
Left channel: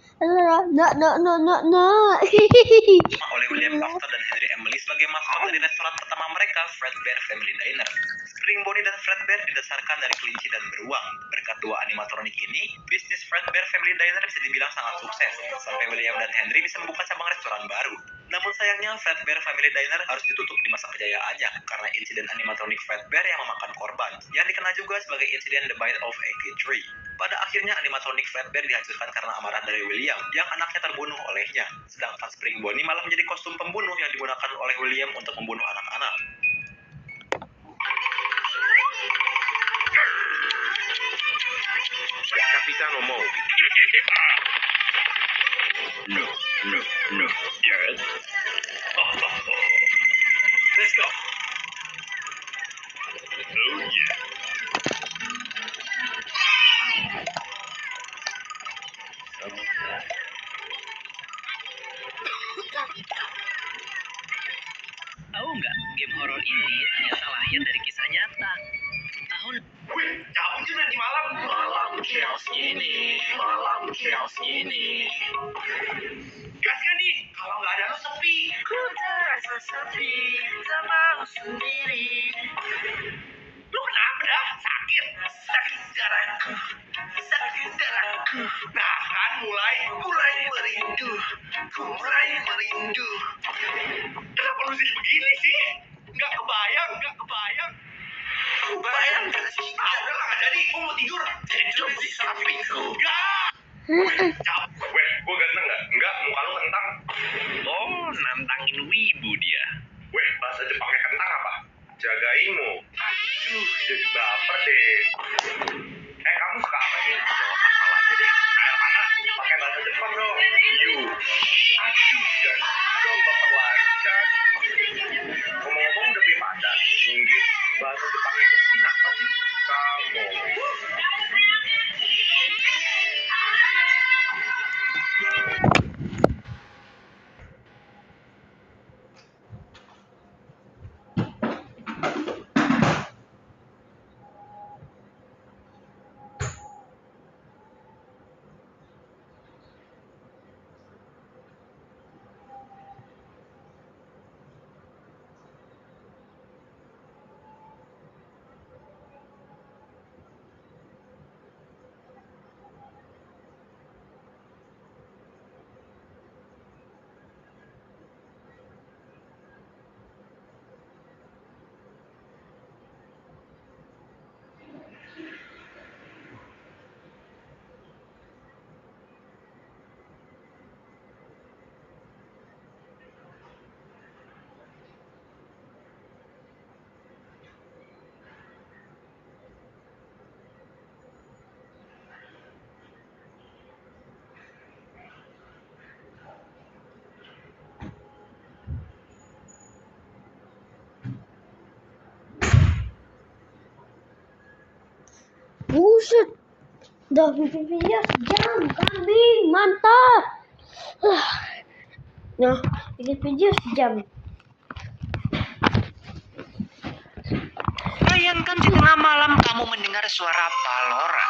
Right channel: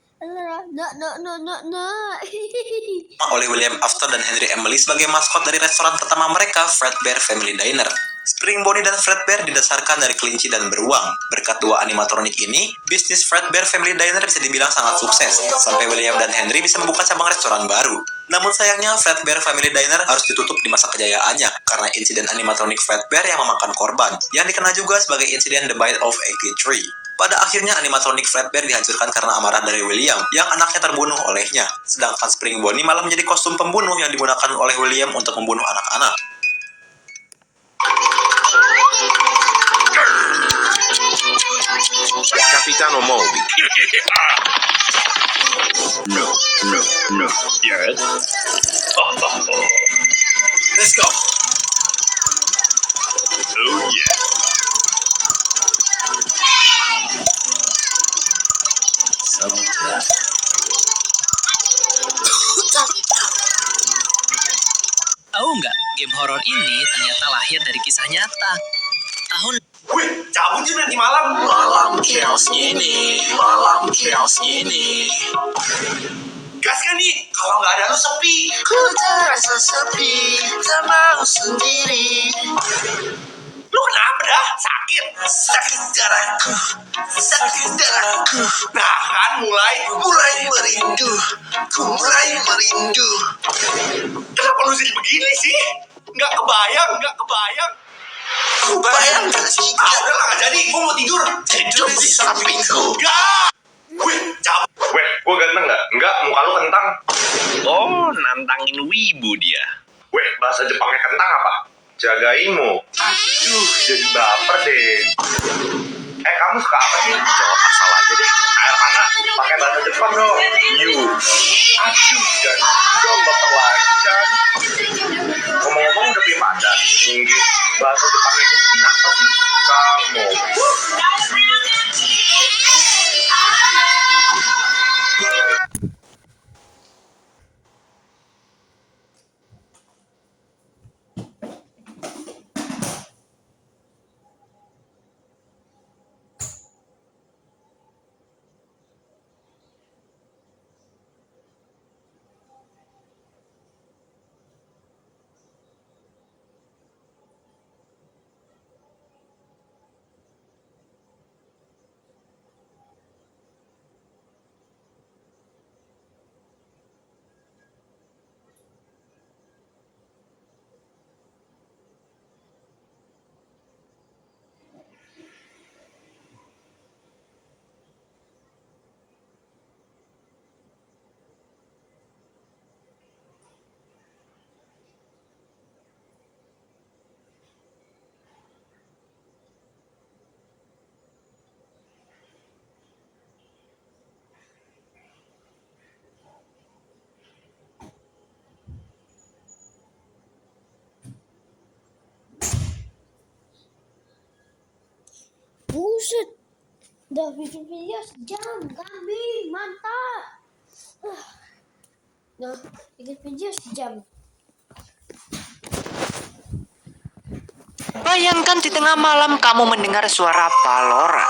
oleh William Afton dan Henry Emily sebagai maskot dari restoran pertama mereka, Fredbear Family Diner. Spring Bonnie dan Fredbear didasarkan dari kelinci dan beruang. Berkat dua animatronik ini, bisnis Fredbear Family Diner bisa dibilang sangat sukses, sampai William dan Henry bisa membuka cabang restoran baru. Namun sayangnya, Fredbear Family Diner harus ditutup di masa kejayaannya karena insiden animatronik Fredbear yang memakan korban, yang dikenal juga sebagai insiden The Bite of Eggy Tree. Pada akhirnya, animatronik Fredbear dihancurkan karena amarah dari William, yang anaknya terbunuh olehnya. Sedangkan Spring Bonnie malah menjadi kostum pembunuh yang digunakan oleh William untuk membunuh anak-anak. Capitano Moldy. No. Yes. Let's go! Oh yeah. Tahu nggak, game horor ini ternyata lahir dari kisah nyata. Tahun Wih, cabut yuk nanti malam. Malam chaos ini. Gas kan nih, kalau nggak ada lu sepi. ku terasa sepi, tak mau sendiri. Lu kenapa dah? Sakit? Sakit darahku. Nah kan mulai merindu. Ku mulai merindu. Kenapa lu jadi begini sih? Nggak kebayang. Ku bayangkan jika Udah lah, nggak jadi. Gua mau tidur di sampingku. Nggak. Wih, cabut. Weh, gua ganteng nggak? Nggak, muka lu kentang. Oh, nantangin wibu dia. Weh, bahasa Jepangnya kentang apa? Jagaimu. Aduh, jadi baper deh. Kamu suka apa sih? Jawab asal aja deh. Air panas, pakai bahasa Jepang dong. You. Aduh, dan dong baper lagi kan. Ngomong-ngomong udah pilih pacar. Mungkin bahasa Jepangnya mungkin apa sih? Kamu. Buset. Udah bikin video sejam. Kambing. Mantap. Nah, bikin video sejam. Bayangkan di tengah malam kamu mendengar suara Palora.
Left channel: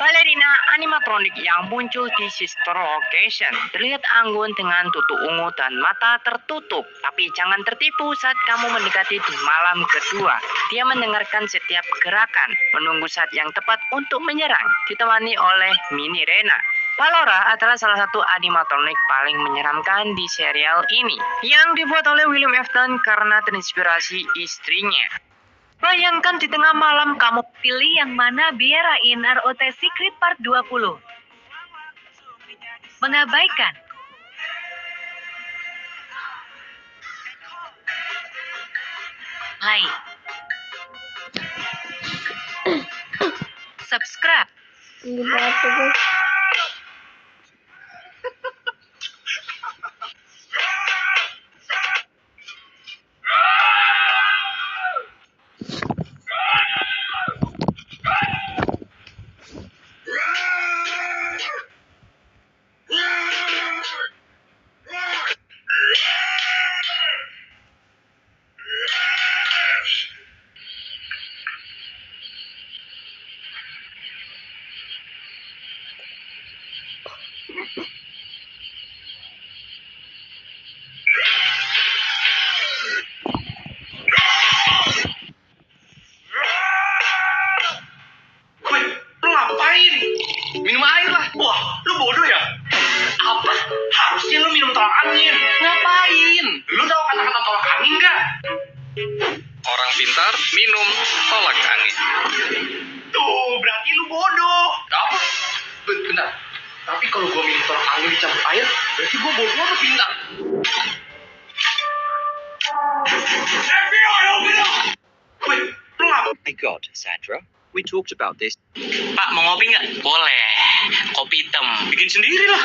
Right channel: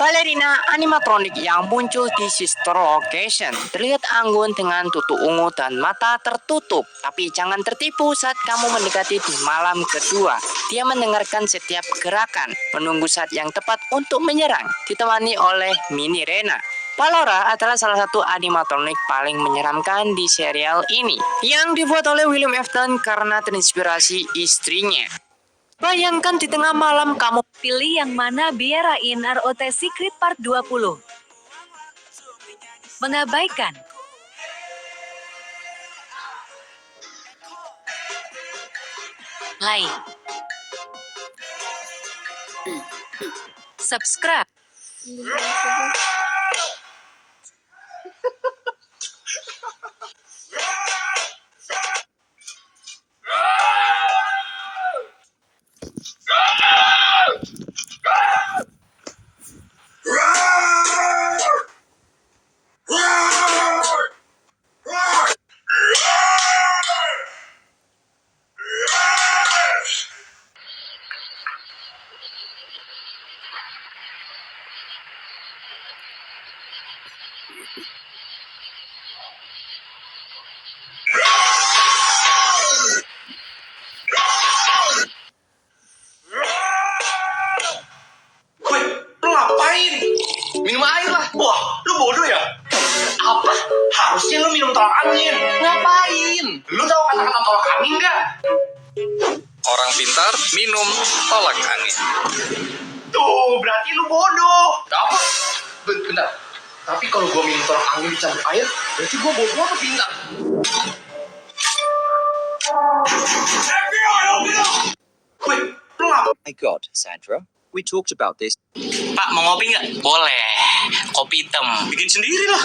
Balerina animatronik yang muncul di sister location terlihat anggun dengan tutu ungu dan mata tertutup. Tapi jangan tertipu saat kamu mendekati di malam kedua. Dia mendengarkan setiap gerakan, menunggu saat yang tepat untuk menyerang, ditemani oleh Mini Rena. Palora adalah salah satu animatronik paling menyeramkan di serial ini, yang dibuat oleh William Afton karena terinspirasi istrinya. Bayangkan di tengah malam kamu Pilih yang mana biarain ROT Secret Part 20. Mengabaikan. Like. Subscribe. Minum air lah. Wah, lu bodoh ya? Apa? Harusnya lu minum tolak angin. Ngapain? Lu tahu kata-kata tolak angin nggak? Orang pintar minum tolak angin. Tuh, berarti lu bodoh. Apa? Bentar. Tapi kalau gua minum tolak angin dicampur air, berarti gua bodoh atau pintar? FBI, open up! Wait, pelap. My God, Sandra, we talked about this. Pak, mau ngopi nggak? Boleh. Kopi hitam. Bikin sendiri lah.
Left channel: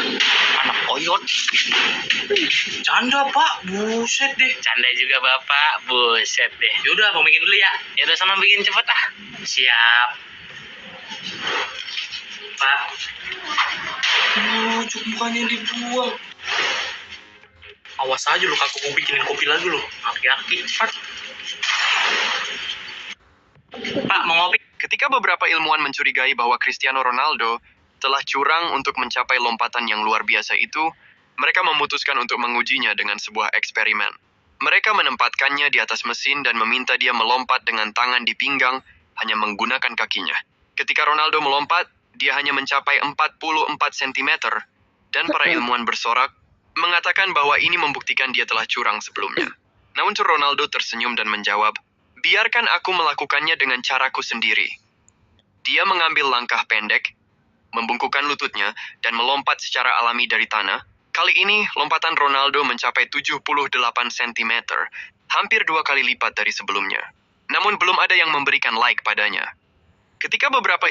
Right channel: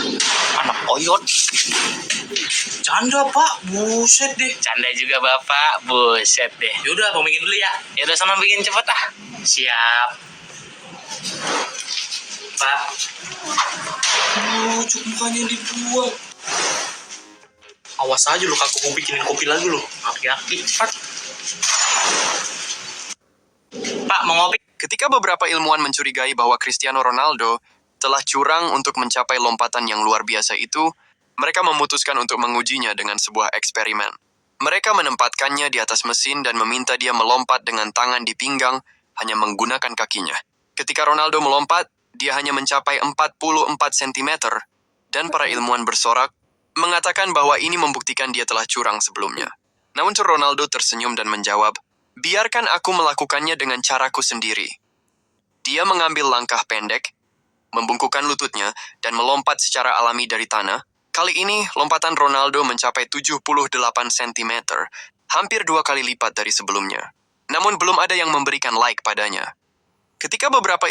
Anak oyot. Canda, Pak. Buset deh. Canda juga, Bapak. Buset deh. Yaudah, mau bikin dulu ya. Yaudah, sama bikin cepet ah. Siap. Pak. Cuk mukanya dibuang. Awas aja lu, kakakku bikinin kopi lagi lu. Aki-aki, cepat. Pak, mau ngopi? Ketika beberapa ilmuwan mencurigai bahwa Cristiano Ronaldo telah curang untuk mencapai lompatan yang luar biasa itu, mereka memutuskan untuk mengujinya dengan sebuah eksperimen. Mereka menempatkannya di atas mesin dan meminta dia melompat dengan tangan di pinggang hanya menggunakan kakinya. Ketika Ronaldo melompat, dia hanya mencapai 44 cm, dan para ilmuwan bersorak, mengatakan bahwa ini membuktikan dia telah curang sebelumnya. Namun Ronaldo tersenyum dan menjawab, "Biarkan aku melakukannya dengan caraku sendiri." Dia mengambil langkah pendek, membungkukkan lututnya, dan melompat secara alami dari tanah. Kali ini, lompatan Ronaldo mencapai 78 cm, hampir 2 kali lipat dari sebelumnya. Namun belum ada yang memberikan like padanya. Ketika beberapa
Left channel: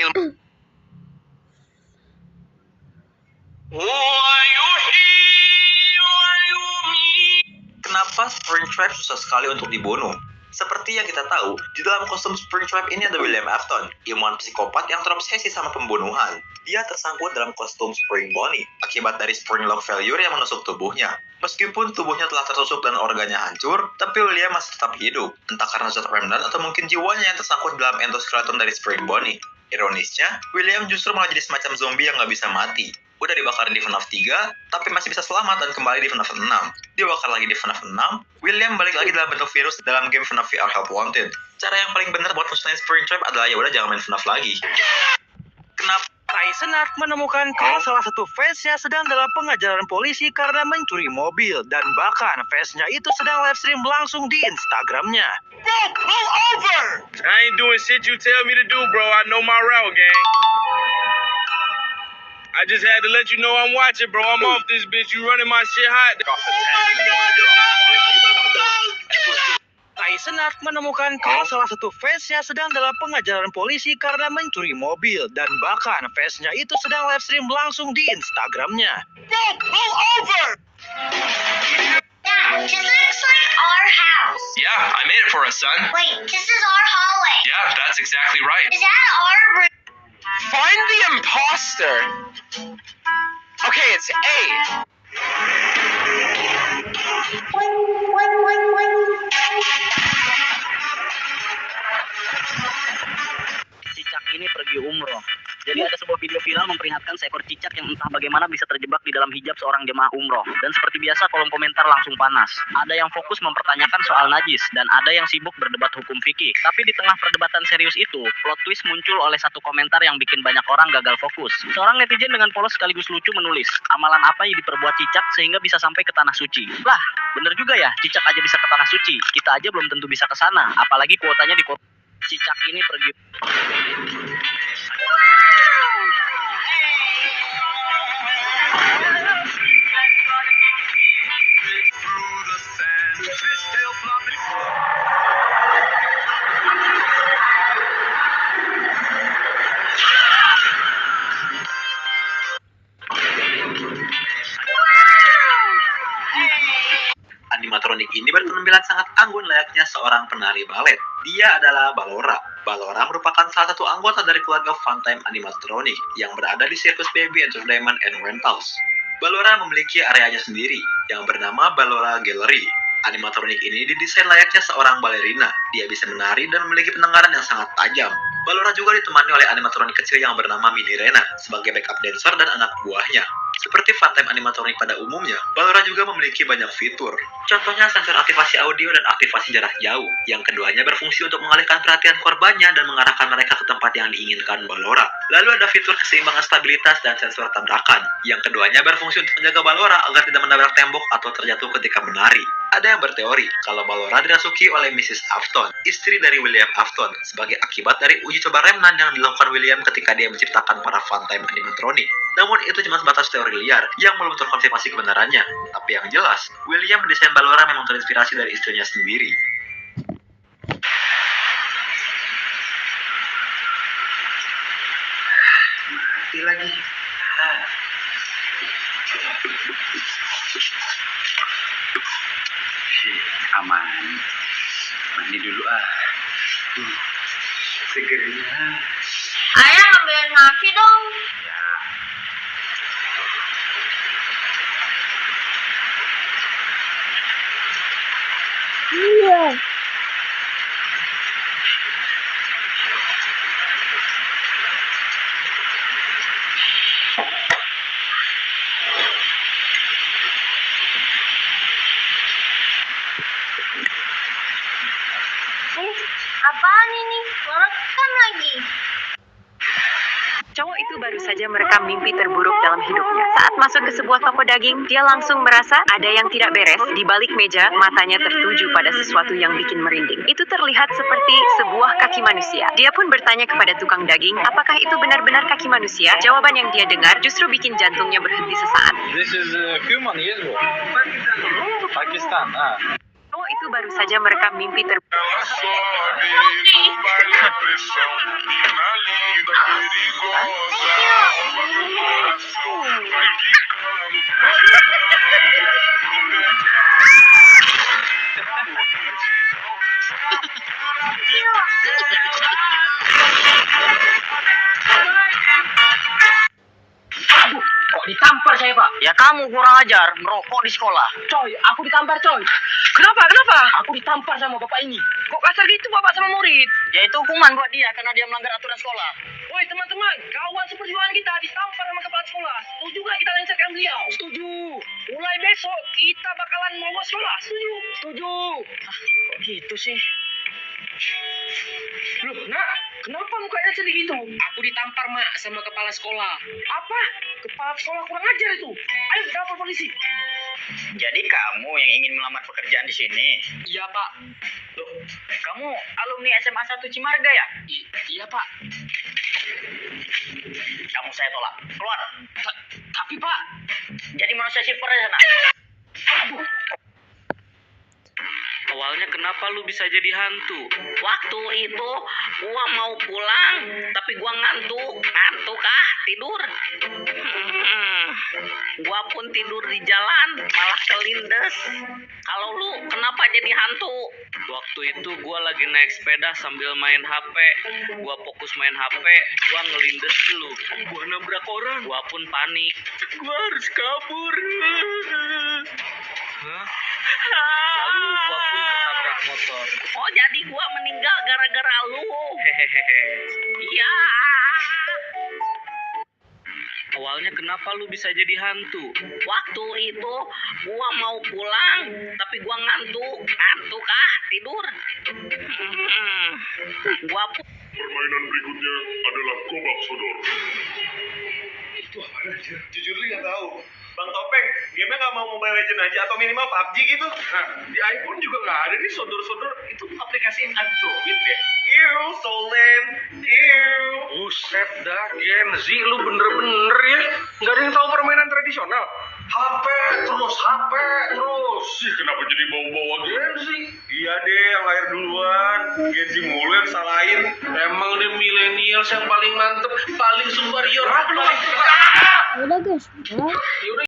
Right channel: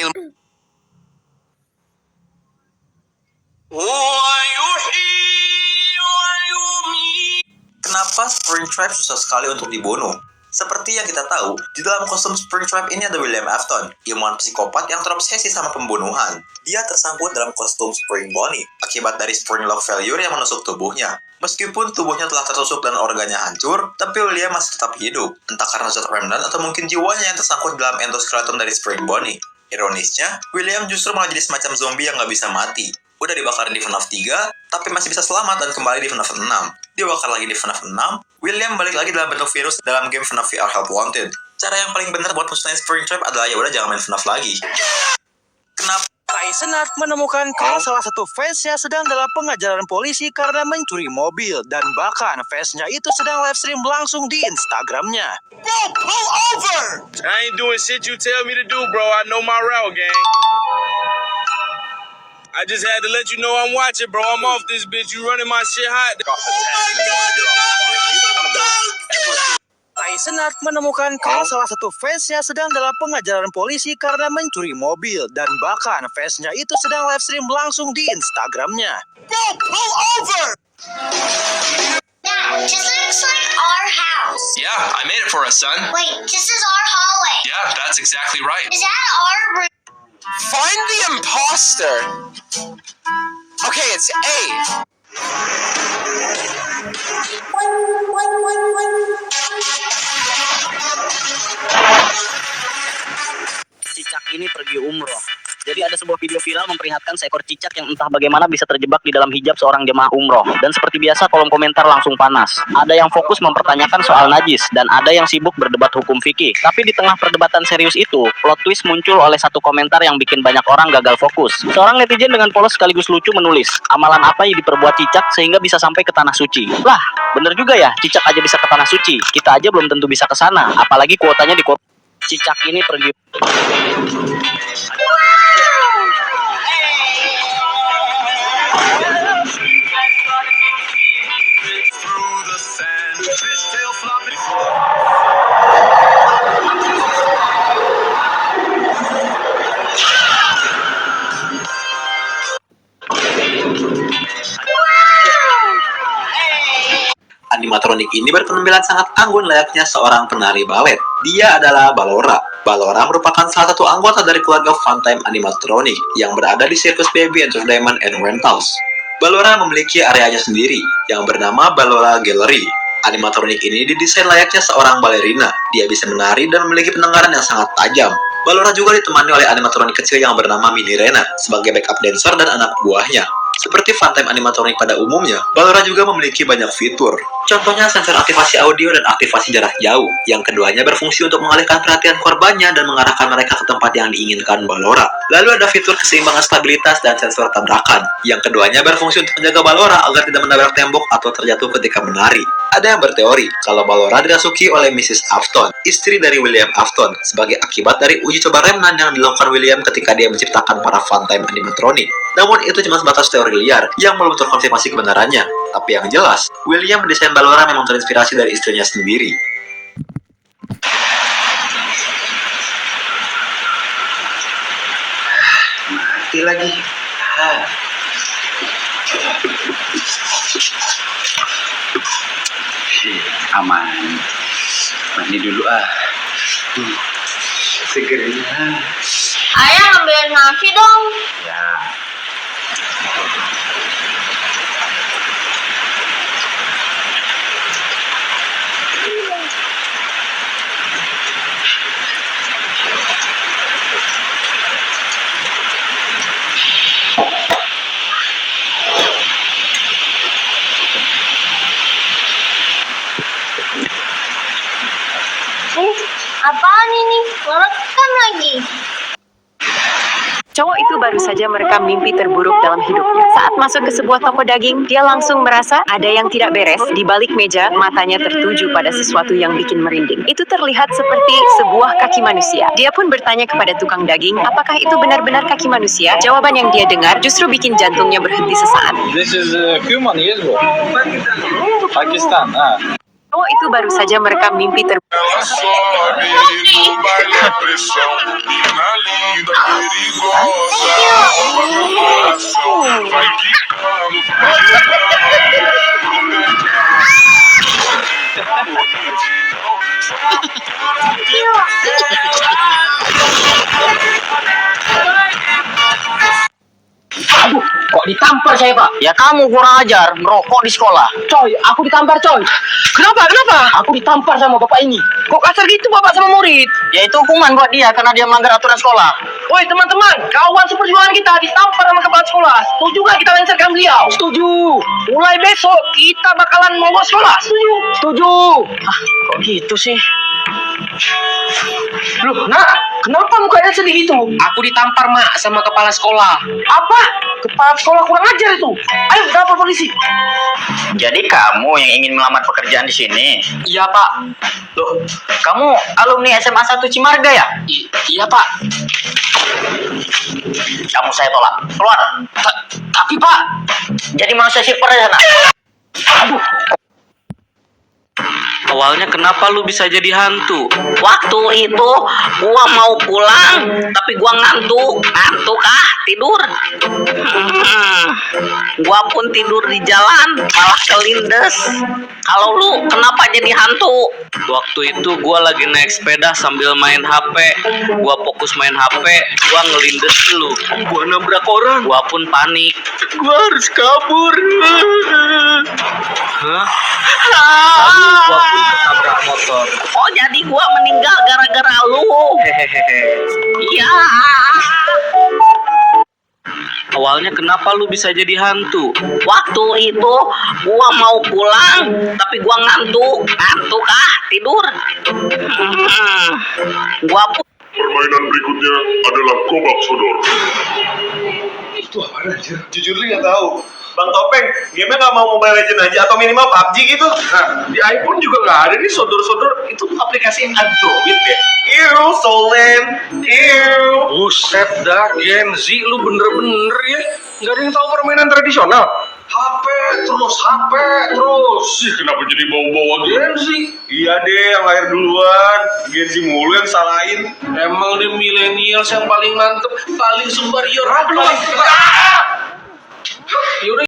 Kenapa Springtrap susah sekali untuk dibunuh? Seperti yang kita tahu, di dalam kostum Springtrap ini ada William Afton, ilmuwan psikopat yang terobsesi sama pembunuhan. Dia tersangkut dalam kostum Spring Bonnie, akibat dari spring lock failure yang menusuk tubuhnya. Meskipun tubuhnya telah tertusuk dan organnya hancur, tapi William masih tetap hidup, entah karena zat remnant atau mungkin jiwanya yang tersangkut dalam endoskeleton dari Spring Bonnie. Ironisnya, William justru malah jadi semacam zombie yang gak bisa mati. Udah dibakarin di FNAF 3, tapi masih bisa selamat dan kembali di FNAF 6. Dibakar lagi di FNAF 6, William balik lagi dalam bentuk virus dalam game FNAF VR Help Wanted. Cara yang paling benar buat musnahin Springtrap adalah ya udah jangan main FNAF lagi. Kenapa? Tai Senat menemukan kalau salah satu fansnya sedang dalam pengajaran polisi karena mencuri mobil, dan bahkan fansnya itu sedang live stream langsung di Instagramnya. Bro, pull over! I ain't doing shit you tell me to do, bro. I know my route, gang. I just had to let you know I'm watching, bro. I'm off this bitch. You running my shit hot. Tai Senat menemukan kalau salah satu fansnya sedang dalam pengajaran polisi karena mencuri mobil, dan bahkan fansnya itu sedang live stream langsung di Instagramnya. Bro, pull over! Dad, this looks like our house. Yeah, I made it for us, son. Wait, this is our hallway. that's exactly right. Is that our room? Find the imposter. Okay, it's A. Cicak ini pergi umroh. Jadi ada sebuah video viral memperlihatkan seekor cicak yang entah bagaimana bisa terjebak di dalam hijab seorang jemaah umroh. Dan seperti biasa kolom komentar langsung panas. Ada yang fokus mempertanyakan soal najis dan ada yang sibuk berdebat hukum fikih. Tapi di tengah perdebatan serius itu, plot twist muncul oleh satu komentar yang bikin banyak orang gagal fokus. Seorang netizen dengan polos sekaligus lucu menulis, amalan apa yang diperbuat cicak sehingga bisa sampai ke tanah suci? Lah, bener juga ya, cicak aja bisa ke tanah suci. Kita aja belum tentu bisa ke sana, apalagi kuotanya di cicak ini pergi. Animatronik ini berpenampilan sangat anggun layaknya seorang penari balet. Dia adalah Ballora. Ballora merupakan salah satu anggota dari keluarga Funtime Animatronic yang berada di Circus Baby Entertainment and Rentals. Ballora memiliki areanya sendiri yang bernama Ballora Gallery. Animatronik ini didesain layaknya seorang balerina. Dia bisa menari dan memiliki pendengaran yang sangat tajam. Ballora juga ditemani oleh animatronik kecil yang bernama Mini Rena sebagai backup dancer dan anak buahnya. Seperti Funtime Animatronic pada umumnya, Ballora juga memiliki banyak fitur. Contohnya sensor aktivasi audio dan aktivasi jarak jauh, yang keduanya berfungsi untuk mengalihkan perhatian korbannya dan mengarahkan mereka ke tempat yang diinginkan Ballora. Lalu ada fitur keseimbangan stabilitas dan sensor tabrakan, yang keduanya berfungsi untuk menjaga Ballora agar tidak menabrak tembok atau terjatuh ketika menari. Ada yang berteori kalau Ballora dirasuki oleh Mrs. Afton, istri dari William Afton, sebagai akibat dari uji coba remnan yang dilakukan William ketika dia menciptakan para Funtime Animatronic. Namun itu cuma sebatas teori liar yang belum terkonfirmasi kebenarannya. Tapi yang jelas, William mendesain Ballora memang terinspirasi dari istrinya sendiri. Mati lagi. Aman. Mandi dulu Segernya. Ayah ambil nasi dong. Ya. Iya. Apaan ini? Merekam lagi. Cowok itu baru saja merekam mimpi terburuk dalam hidupnya. Saat masuk ke sebuah toko daging, dia langsung merasa ada yang tidak beres. Di balik meja, matanya tertuju pada sesuatu yang bikin merinding. Itu terlihat seperti sebuah kaki manusia. Dia pun bertanya kepada tukang daging, apakah itu benar-benar kaki manusia? Jawaban yang dia dengar justru bikin jantungnya berhenti sesaat. This is human, yes, bro. Pakistan. Cowok itu baru saja merekam mimpi terburuk. Aduh, kok ditampar saya, Pak? Ya kamu kurang ajar, merokok di sekolah. Coy, aku ditampar, coy. Kenapa? Aku ditampar sama bapak ini. Kok kasar gitu bapak sama murid? Ya itu hukuman buat dia karena dia melanggar aturan sekolah. Woi teman-teman, kawan seperjuangan kita ditampar sama kepala sekolah. Setuju nggak kita lancarkan beliau? Setuju. Mulai besok kita bakalan mogok sekolah. Setuju. Ah, kok gitu sih? Loh, nak, kenapa mukanya sedih itu? Aku ditampar, Mak, sama kepala sekolah. Apa? Kepala sekolah kurang ajar itu. Ayo, kita lapor polisi. Jadi kamu yang ingin melamar pekerjaan di sini? Iya, Pak. Loh, kamu alumni SMA 1 Cimarga ya? Iya, Pak. Kamu saya tolak. Keluar. Tapi, Pak, jadi manusia silver di sana. Aduh. Awalnya kenapa lu bisa jadi hantu? Waktu itu gua mau pulang, tapi gua ngantuk. Ngantuk tidur. Gua pun tidur di jalan, malah kelindes. Kalau lu kenapa jadi hantu? Waktu itu gua lagi naik sepeda sambil main HP. Gua fokus main HP, gua ngelindes lu. Gua nabrak orang. Gua pun panik. Gua harus kabur. Hah? Lalu gua pun ketabrak motor. Oh, jadi gua meninggal gara-gara lu. Hehehe. Iya. Awalnya kenapa lu bisa jadi hantu? Waktu itu gua mau pulang, tapi gua ngantuk. Ngantuk tidur. Gua pun. Permainan berikutnya adalah Gobak Sodor. Itu apa anjir? Jujur li nggak tahu. Bang Topeng, game-nya nggak mau Mobile Legends aja atau minimal PUBG gitu? Nah, di iPhone juga nggak ada nih sodor-sodor. Itu aplikasi Android ya? Ew, Solen. Ew. Buset dah, Gen Z lu bener-bener ya. Nggak ada yang tahu permainan tradisional. HP terus. Ih, kenapa jadi bawa-bawa Gen Z? Iya deh, yang lahir duluan. Gen Z mulu yang salahin. Emang deh milenial yang paling mantep, paling superior, paling... Udah guys. Yaudah.